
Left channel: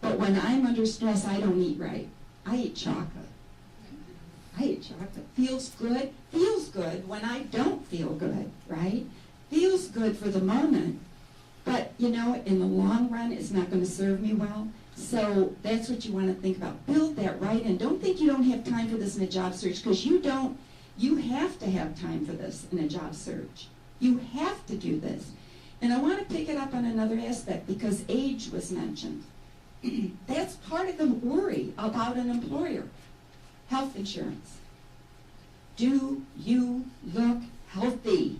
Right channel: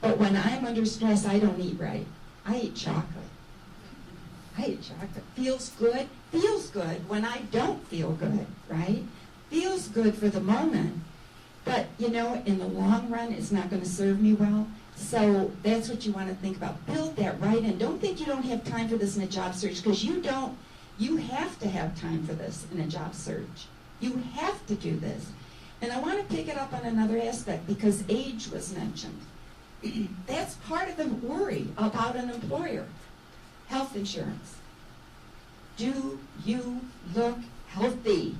but when I'm under stress, I don't eat right. I eat chocolate. I eat chocolate. Feels good when I don't feel good, right? Feels good for the moment, but in the long run, it's not going to serve me well. So that's what you want to think about. Build that right in. Don't think you don't have time for this in a job search, because you don't. You have to have time for this in a job search. You have to do this. And I want to pick it up on another aspect, because age was mentioned. That's part of the worry about an employer. Health insurance. Do you look healthy?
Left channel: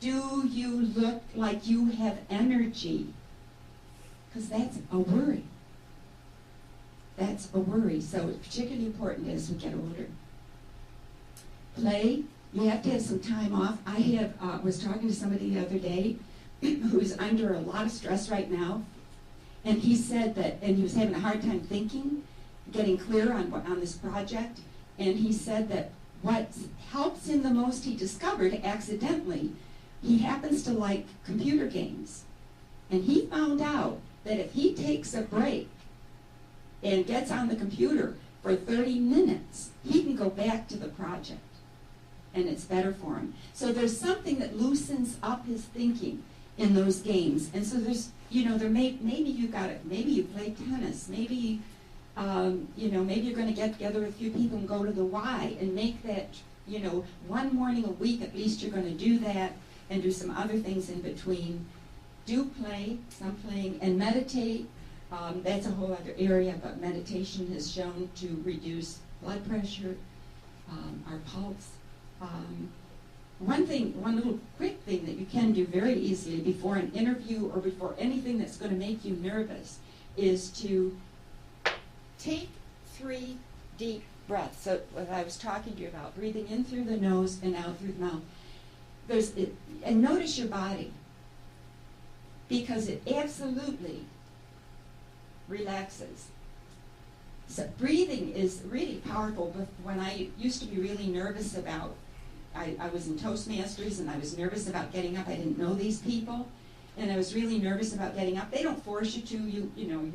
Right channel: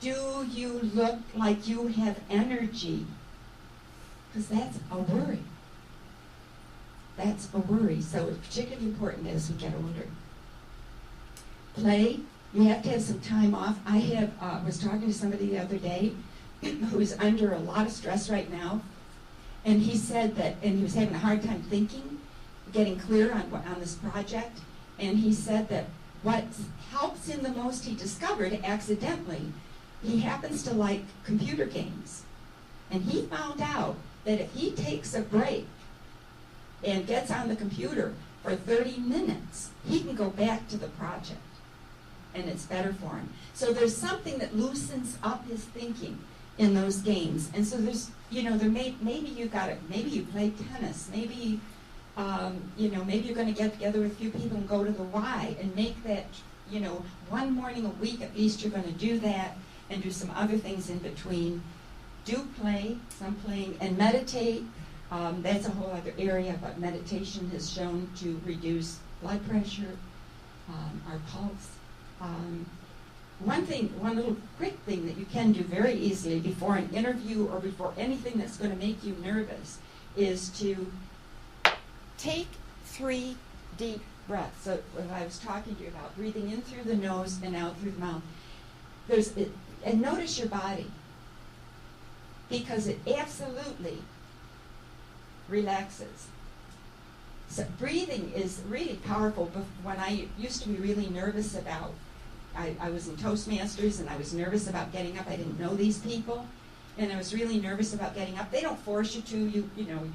Do you look like you have energy? Because that's a worry. That's a worry. So it's particularly important as we get older. Play. You have to have some time off. I was talking to somebody the other day who's under a lot of stress right now, and he said that, and he was having a hard time thinking, getting clear on this project, and he said that what helps him the most, he discovered accidentally, he happens to like computer games. And he found out that if he takes a break and gets on the computer for 30 minutes, he can go back to the project, and it's better for him. So there's something that loosens up his thinking in those games. And so there's, maybe you play tennis, maybe maybe you're going to get together with a few people and go to the Y and make that, one morning a week at least you're going to do that, and do some other things in between. Do play, some playing, and meditate. That's a whole other area, but meditation has shown to reduce blood pressure, our pulse. One little quick thing that you can do very easily before an interview or before anything that's going to make you nervous is to take 3 deep breaths. So what I was talking to you about, breathing in through the nose and out through the mouth. And notice your body, because it absolutely relaxes. So breathing is really powerful. But when I used to be really nervous about, I was in Toastmasters and I was nervous about getting up. I didn't know these people, and I was really nervous about getting up. They don't force you to. You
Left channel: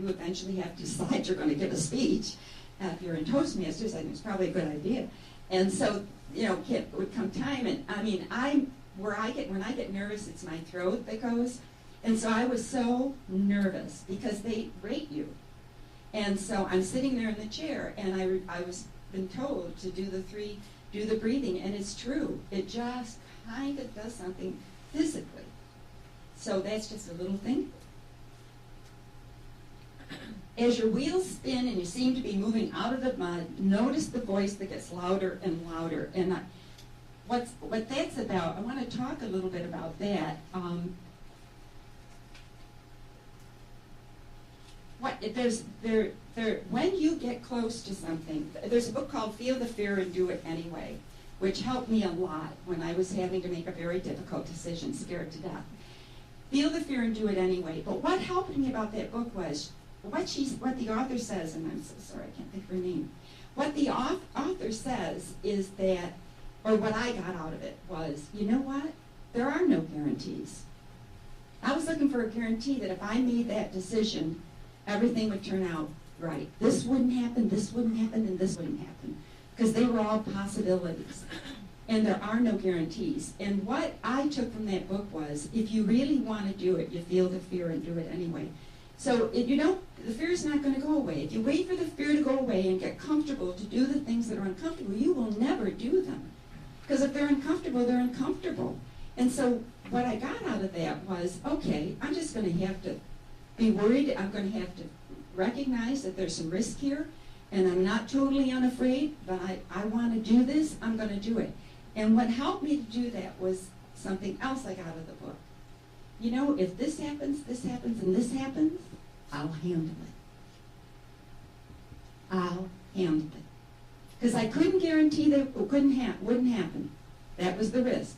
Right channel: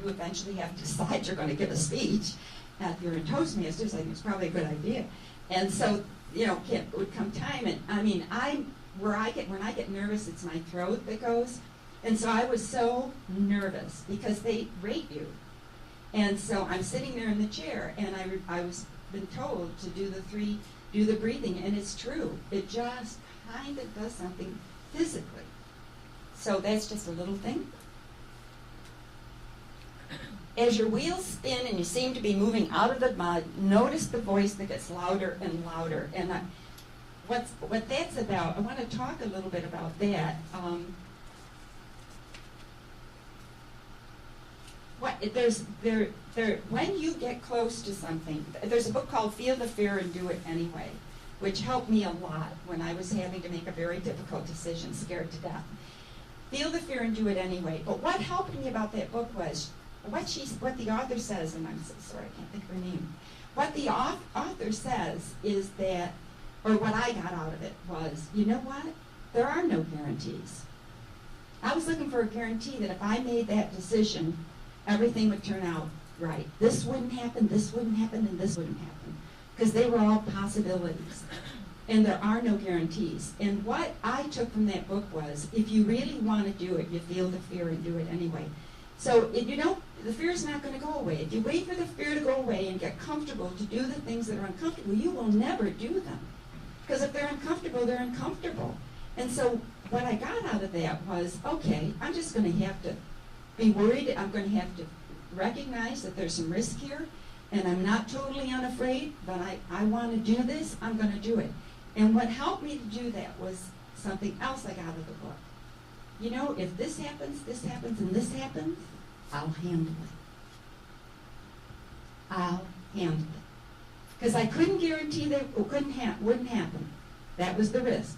eventually have to decide you're going to give a speech. If you're in Toastmasters, I think it's probably a good idea. And so, would come time, and I mean, when I get nervous, it's my throat that goes. And so I was so nervous because they rate you. And so I'm sitting there in the chair, and I was been told to do the breathing, and it's true. It just kind of does something physically. So that's just a little thing. As your wheels spin and you seem to be moving out of the mud, notice the voice that gets louder and louder. And what that's about, I want to talk a little bit about that. When you get close to something, there's a book called Feel the Fear and Do It Anyway, which helped me a lot when I was having to make a very difficult decision, scared to death. Feel the fear and do it anyway. But what helped me about that book was what the author says, and I'm so sorry, I can't think of her name. What the author says is that, or what I got out of it was, you know what? There are no guarantees. I was looking for a guarantee that if I made that decision, everything would turn out right. This wouldn't happen, and this wouldn't happen. Because they were all possibilities. And there are no guarantees. And what I took from that book was, if you really want to do it, you feel the fear and do it anyway. So, the fear is not going to go away. If you wait for the fear to go away and get comfortable to do the things that are uncomfortable, you will never do them. Because if they're uncomfortable, they're uncomfortable. And so what I got out of that was, okay, I'm just going to have to be worried. I'm going to have to recognize that there's some risk here, and I'm not totally unafraid, but I want to do this. I'm going to do it. And what helped me to do that was something else I got out of the book. If this happens, and this happens, I'll handle it. I'll handle it. Because I couldn't guarantee that it wouldn't happen. That was the risk.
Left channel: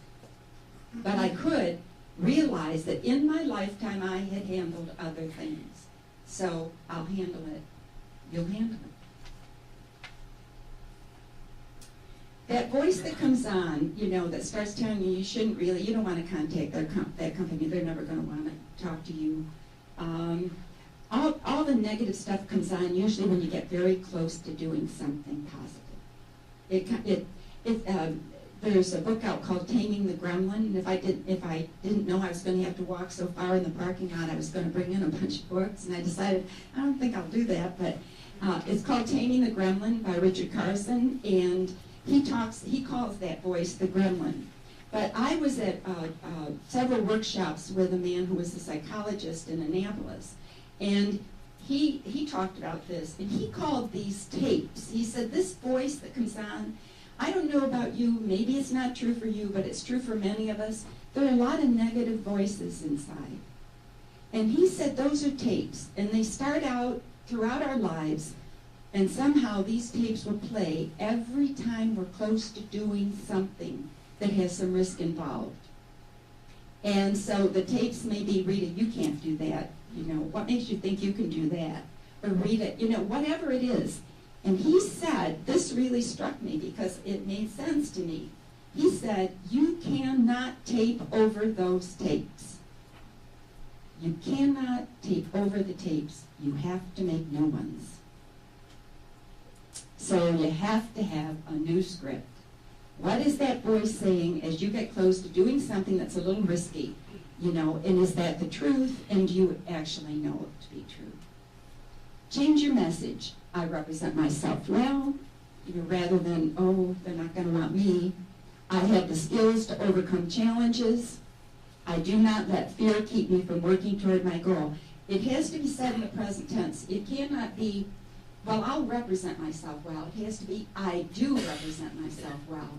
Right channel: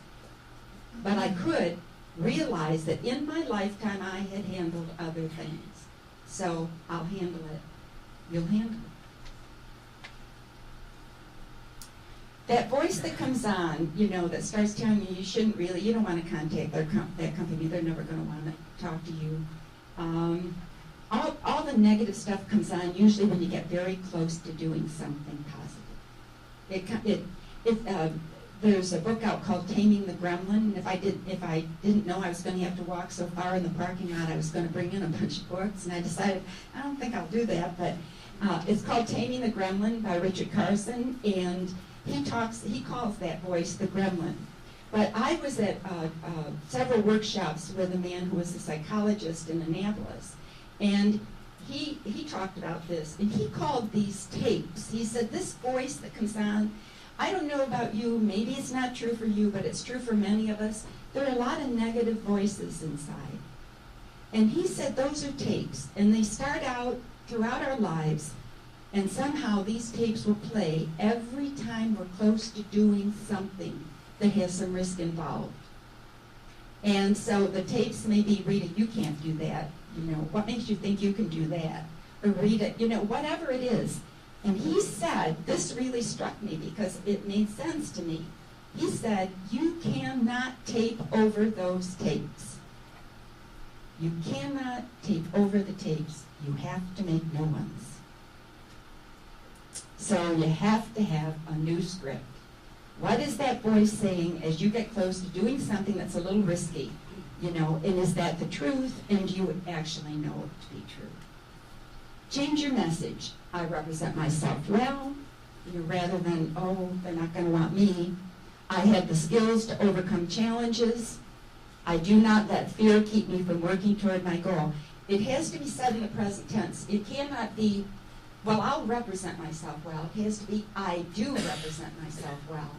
But I could realize that in my lifetime I had handled other things. So I'll handle it. You'll handle it. That voice that comes on, that starts telling you you shouldn't really, you don't want to contact that company. They're never going to want to talk to you. All the negative stuff comes on usually when you get very close to doing something positive. There's a book out called Taming the Gremlin, and if I didn't know I was going to have to walk so far in the parking lot, I was going to bring in a bunch of books, and I decided I don't think I'll do that. But it's called Taming the Gremlin by Richard Carson, and he calls that voice the gremlin. But I was at several workshops with a man who was a psychologist in Annapolis, and he talked about this, and he called these tapes. He said, this voice that comes on, I don't know about you, maybe it's not true for you, but it's true for many of us. There are a lot of negative voices inside. And he said those are tapes, and they start out throughout our lives, and somehow these tapes will play every time we're close to doing something that has some risk involved. And so the tapes may be, Rita, you can't do that. What makes you think you can do that? Or Rita, whatever it is. And he said, this really struck me because it made sense to me. He said, you cannot tape over those tapes. You cannot tape over the tapes. You have to make new ones. So you have to have a new script. What is that voice saying as you get close to doing something that's a little risky? And is that the truth? And do you actually know it to be true? Change your message. I represent myself well, rather than, oh, they're not going to want me. I have the skills to overcome challenges. I do not let fear keep me from working toward my goal. It has to be said in the present tense. It cannot be, well, I'll represent myself well. It has to be, I do represent myself well.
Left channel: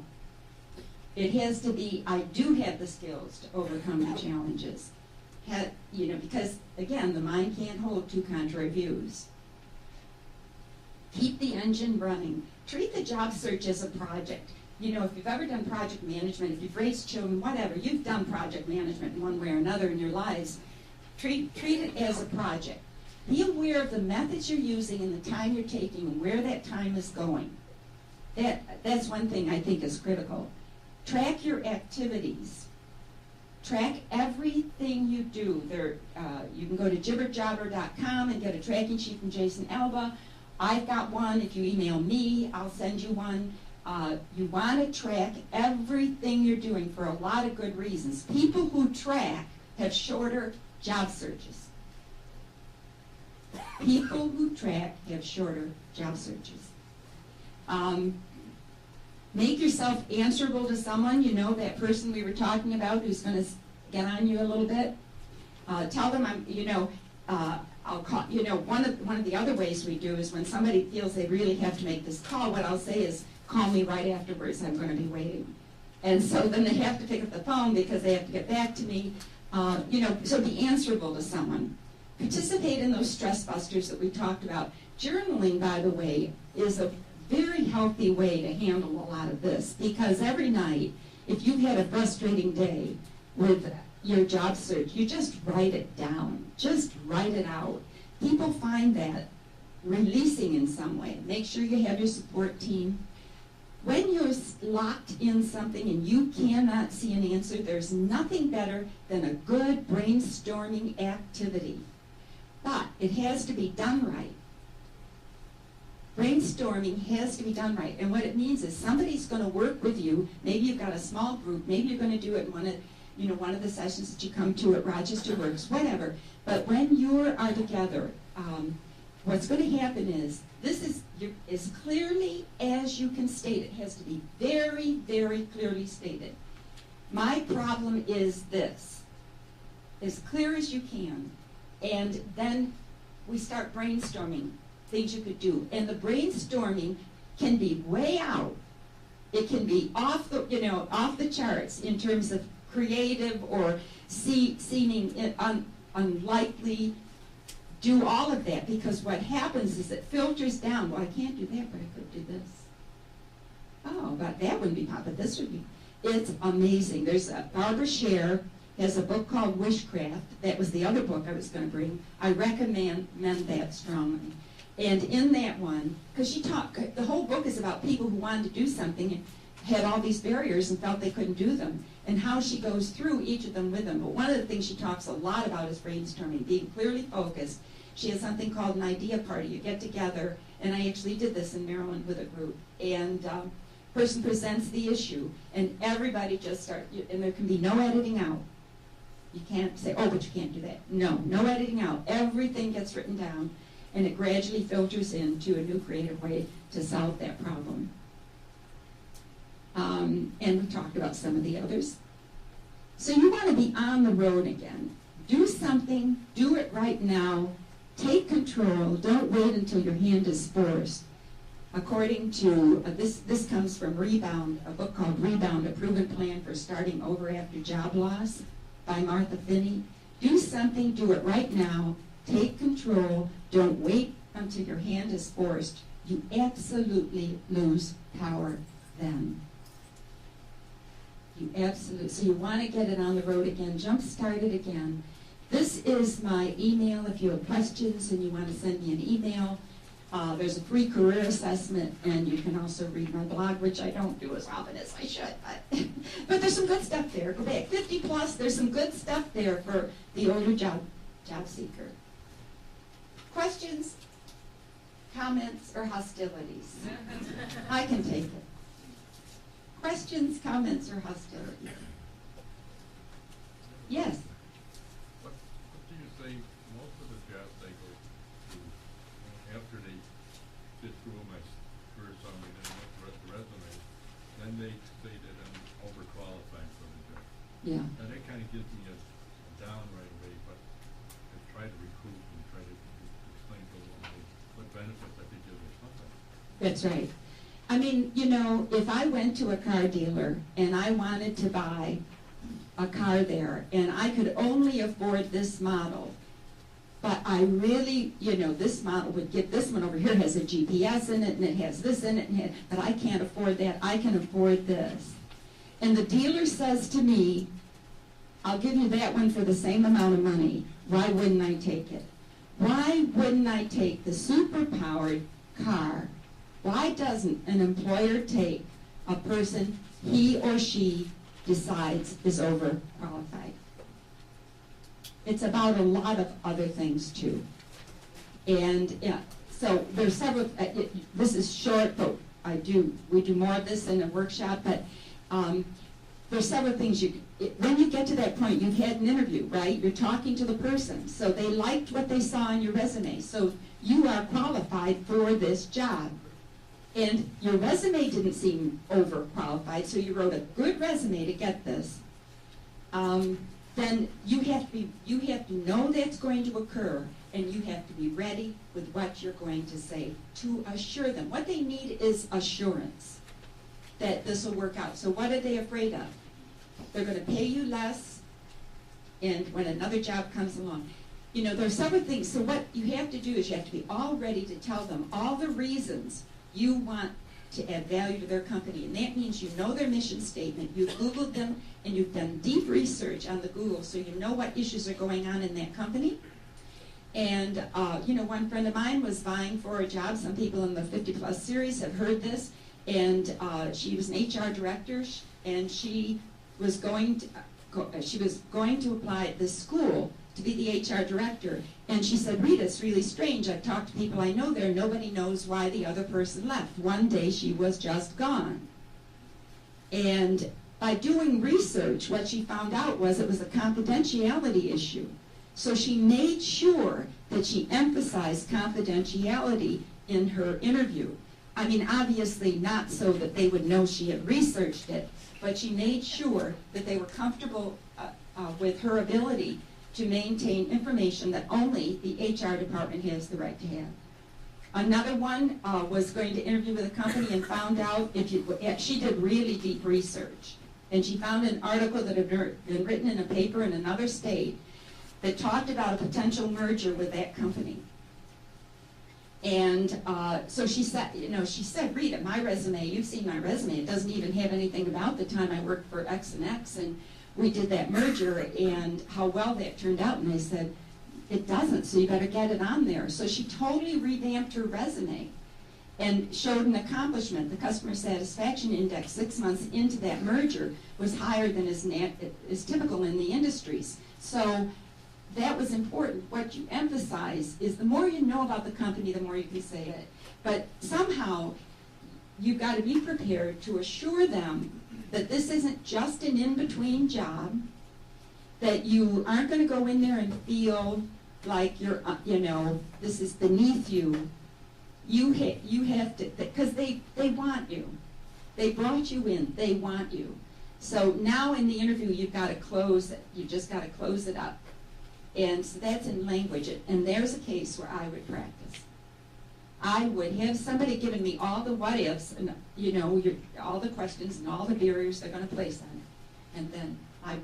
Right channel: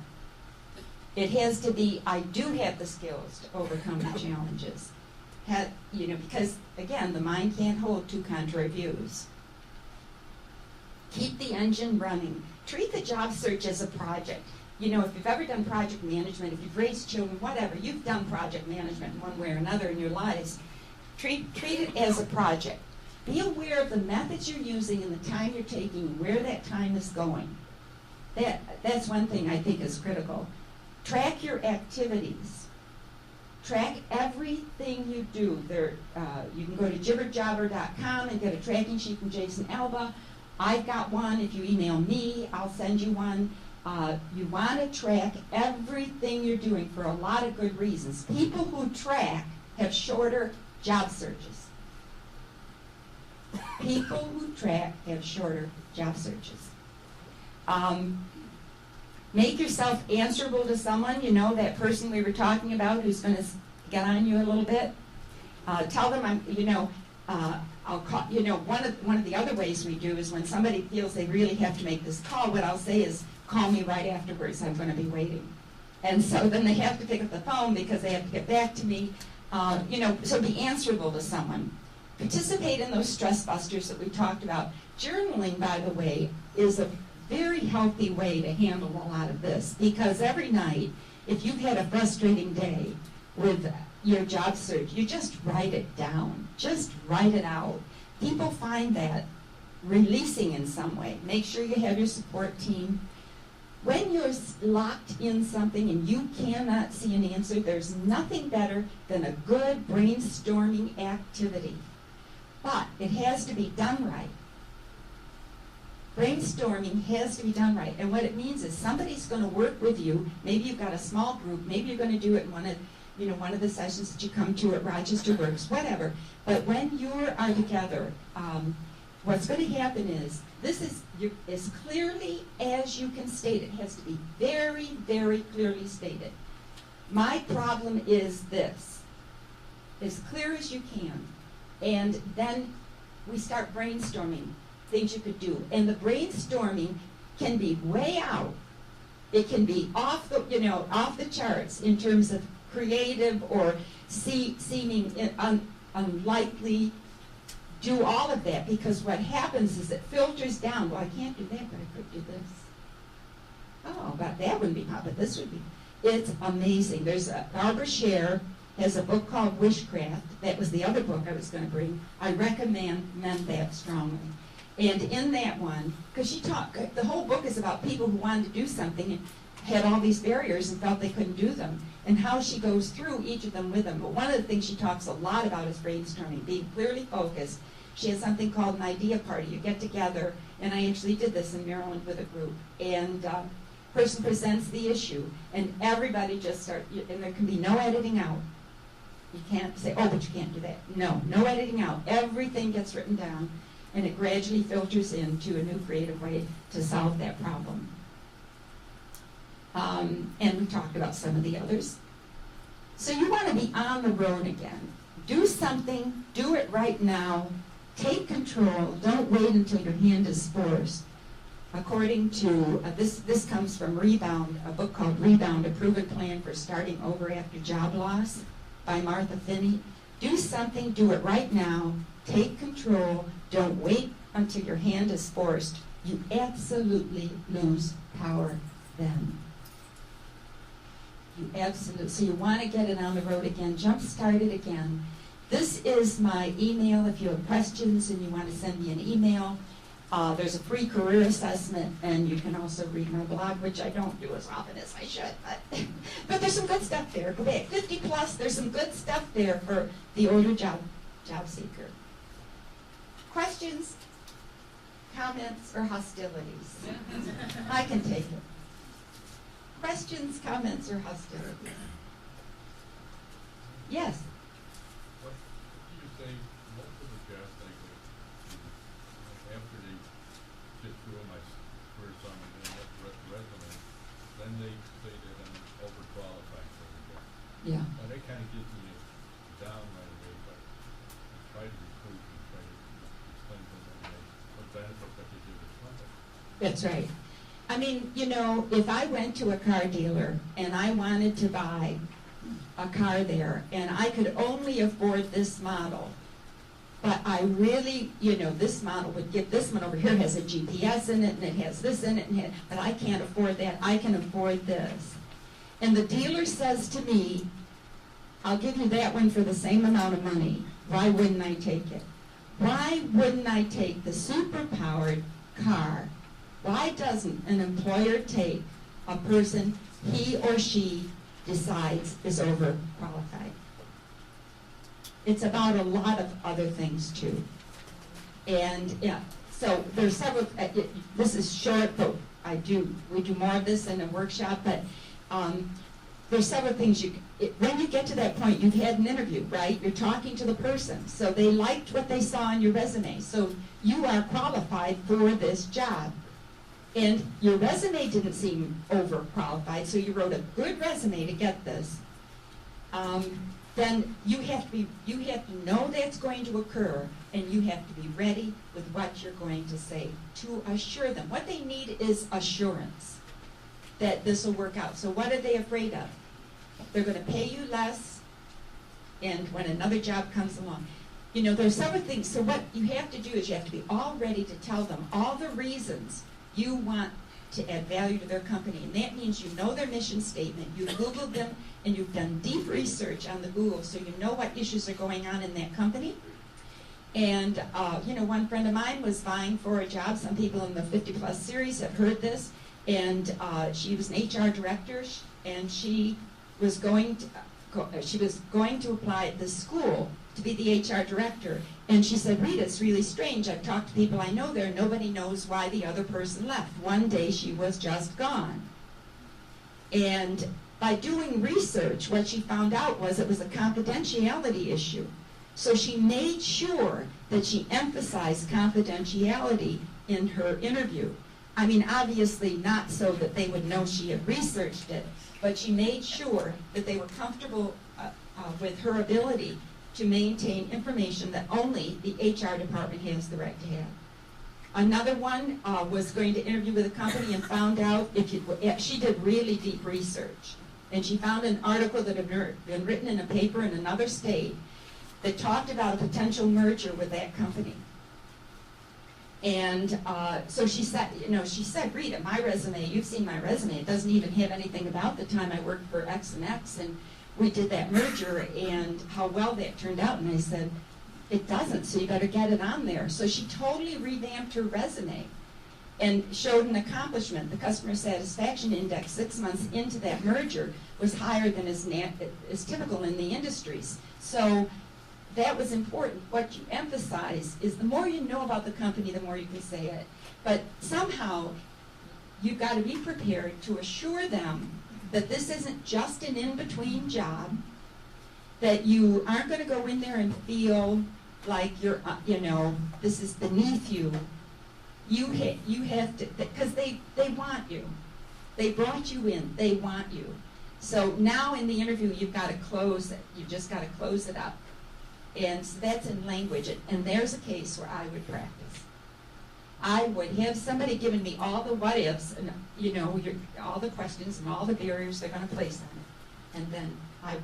It has to be, I do have the skills to overcome the challenges. because again, the mind can't hold two contrary views. Keep the engine running. Treat the job search as a project. If you've ever done project management, if you've raised children, whatever, you've done project management in one way or another in your lives. Treat it as a project. Be aware of the methods you're using and the time you're taking and where that time is going. That's one thing I think is critical. Track your activities. Track everything you do. You can go to jibberjobber.com and get a tracking sheet from Jason Alba. I've got one. If you email me, I'll send you one. You want to track everything you're doing for a lot of good reasons. People who track have shorter job searches. People who track have shorter job searches. Make yourself answerable to someone, that person we were talking about who's going to get on you a little bit. Tell them I'll call. One of the other ways we do is when somebody feels they really have to make this call, what I'll say is, call me right afterwards, I'm going to be waiting. And so then they have to pick up the phone because they have to get back to me. So be answerable to someone. Participate in those stress busters that we talked about. Journaling, by the way, is a very healthy way to handle a lot of this, because every night, if you've had a frustrating day with your job search, you just write it down. Just write it out. People find that releasing in some way. Make sure you have your support team. When you're locked in something and you cannot see an answer, there's nothing better than a good brainstorming activity. But it has to be done right. Brainstorming has to be done right. And what it means is somebody's going to work with you. Maybe you've got a small group. Maybe you're going to do it in one of the sessions that you come to at Rochester Works, whatever. But when you are together, what's going to happen is, as clearly as you can state it, has to be very, very clearly stated. My problem is this. As clear as you can. And then we start brainstorming things you could do. And the brainstorming can be way out. It can be off the charts in terms of creative or seeming unlikely. Do all of that, because what happens is it filters down. Well, I can't do that, but I could do this. Oh, but that wouldn't be possible, but this would be. It's amazing. Barbara Scher has a book called Wishcraft. That was the other book I was going to bring. I recommend that strongly. And in that one, because the whole book is about people who wanted to do something and had all these barriers and felt they couldn't do them, and how she goes through each of them with them. But one of the things she talks a lot about is brainstorming, being clearly focused. She has something called an idea party. You get together, and I actually did this in Maryland with a group, and person presents the issue, and everybody just starts, and there can be no editing out. You can't say, oh, but you can't do that. No editing out. Everything gets written down, and it gradually filters into a new creative way to solve that problem. And we talked about some of the others. So you want to be on the road again. Do something. Do it right now. Take control. Don't wait until your hand is forced. According to, this comes from Rebound, a book called Rebound, A Proven Plan for Starting Over After Job Loss by Martha Finney. Do something. Do it right now. Take control. Don't wait until your hand is forced. You absolutely lose power then. So you want to get it on the road again. Jumpstart it again. This is my email. If you have questions and you want to send me an email, there's a free career assessment, and you can also read my blog, which I don't do as often as I should. But there's some good stuff there. Go back. 50 plus, there's some good stuff there for the older job seeker. Questions, comments, or hostilities? I can take it. Questions, comments, or hostility? Yes? What do you say most of the job takers do after they get through my career summary and look at the resume, then they say that I'm overqualified for the job. Yeah. And that kind of gives me a down right away, but I try to recruit and try to explain to them what benefits I could give this company. That's right. I mean, if I went to a car dealer and I wanted to buy a car there, and I could only afford this model. But I really, this model would get, this one over here has a GPS in it, and it has this in it, but I can't afford that. I can afford this. And the dealer says to me, I'll give you that one for the same amount of money. Why wouldn't I take it? Why wouldn't I take the super-powered car? Why doesn't an employer take a person he or she decides is overqualified? It's about a lot of other things too. And yeah, so there's several, this is short, but we do more of this in a workshop, but there's several things when you get to that point, you've had an interview, right? You're talking to the person. So they liked what they saw on your resume. So you are qualified for this job. And your resume didn't seem overqualified, so you wrote a good resume to get this. Then you have to know that's going to occur, and you have to be ready with what you're going to say to assure them. What they need is assurance that this will work out. So what are they afraid of? They're going to pay you less, and when another job comes along. There's several things. So what you have to do is you have to be all ready to tell them all the reasons you want to add value to their company. And that means you know their mission statement, you've Googled them, and you've done deep research on the Google so you know what issues are going on in that company. And, one friend of mine was vying for a job. Some people in the 50 Plus series have heard this. And she was an HR director, and she was going to apply at this school to be the HR director. And she said, Rita, it's really strange. I've talked to people I know there. Nobody knows why the other person left. One day she was just gone. And by doing research, what she found out was it was a confidentiality issue. So she made sure that she emphasized confidentiality in her interview. I mean, obviously not so that they would know she had researched it, but she made sure that they were comfortable with her ability to maintain information that only the HR department has the right to have. Another one was going to interview with a company and found out, she did really deep research, and she found an article that had been written in a paper in another state that talked about a potential merger with that company. And so she said, Rita, my resume, you've seen my resume, it doesn't even have anything about the time I worked for X and X, and we did that merger and how well that turned out. And I said, it doesn't, so you better get it on there. So she totally revamped her resume and showed an accomplishment. The customer satisfaction index 6 months into that merger was higher than is typical in the industries. So that was important. What you emphasize is the more you know about the company, the more you can say it. But somehow, you've got to be prepared to assure them that this isn't just an in-between job, that you aren't going to go in there and feel like you're, this is beneath you. You have to, because they want you. They brought you in. They want you. So now in the interview, you've got to close it. You've just got to close it up. And so that's in language. And there's a case where I would practice. I would have somebody giving me all the what ifs and all the questions and all the barriers they're going to place on it, and then I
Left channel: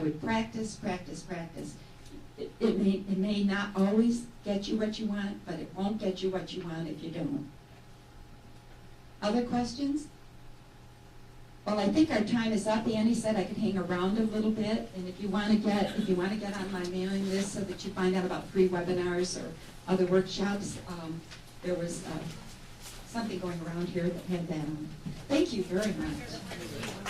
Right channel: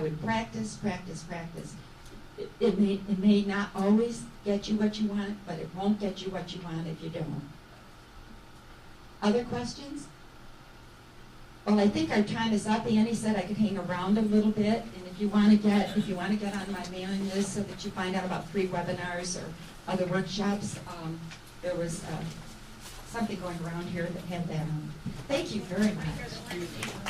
would practice. It may not always get you what you want, but it won't get you what you want if you don't. Other questions? Well, I think our time is up. Annie said I could hang around a little bit, and if you want to get on my mailing list so that you find out about free webinars or other workshops, there was something going around here that had that on. Thank you very much.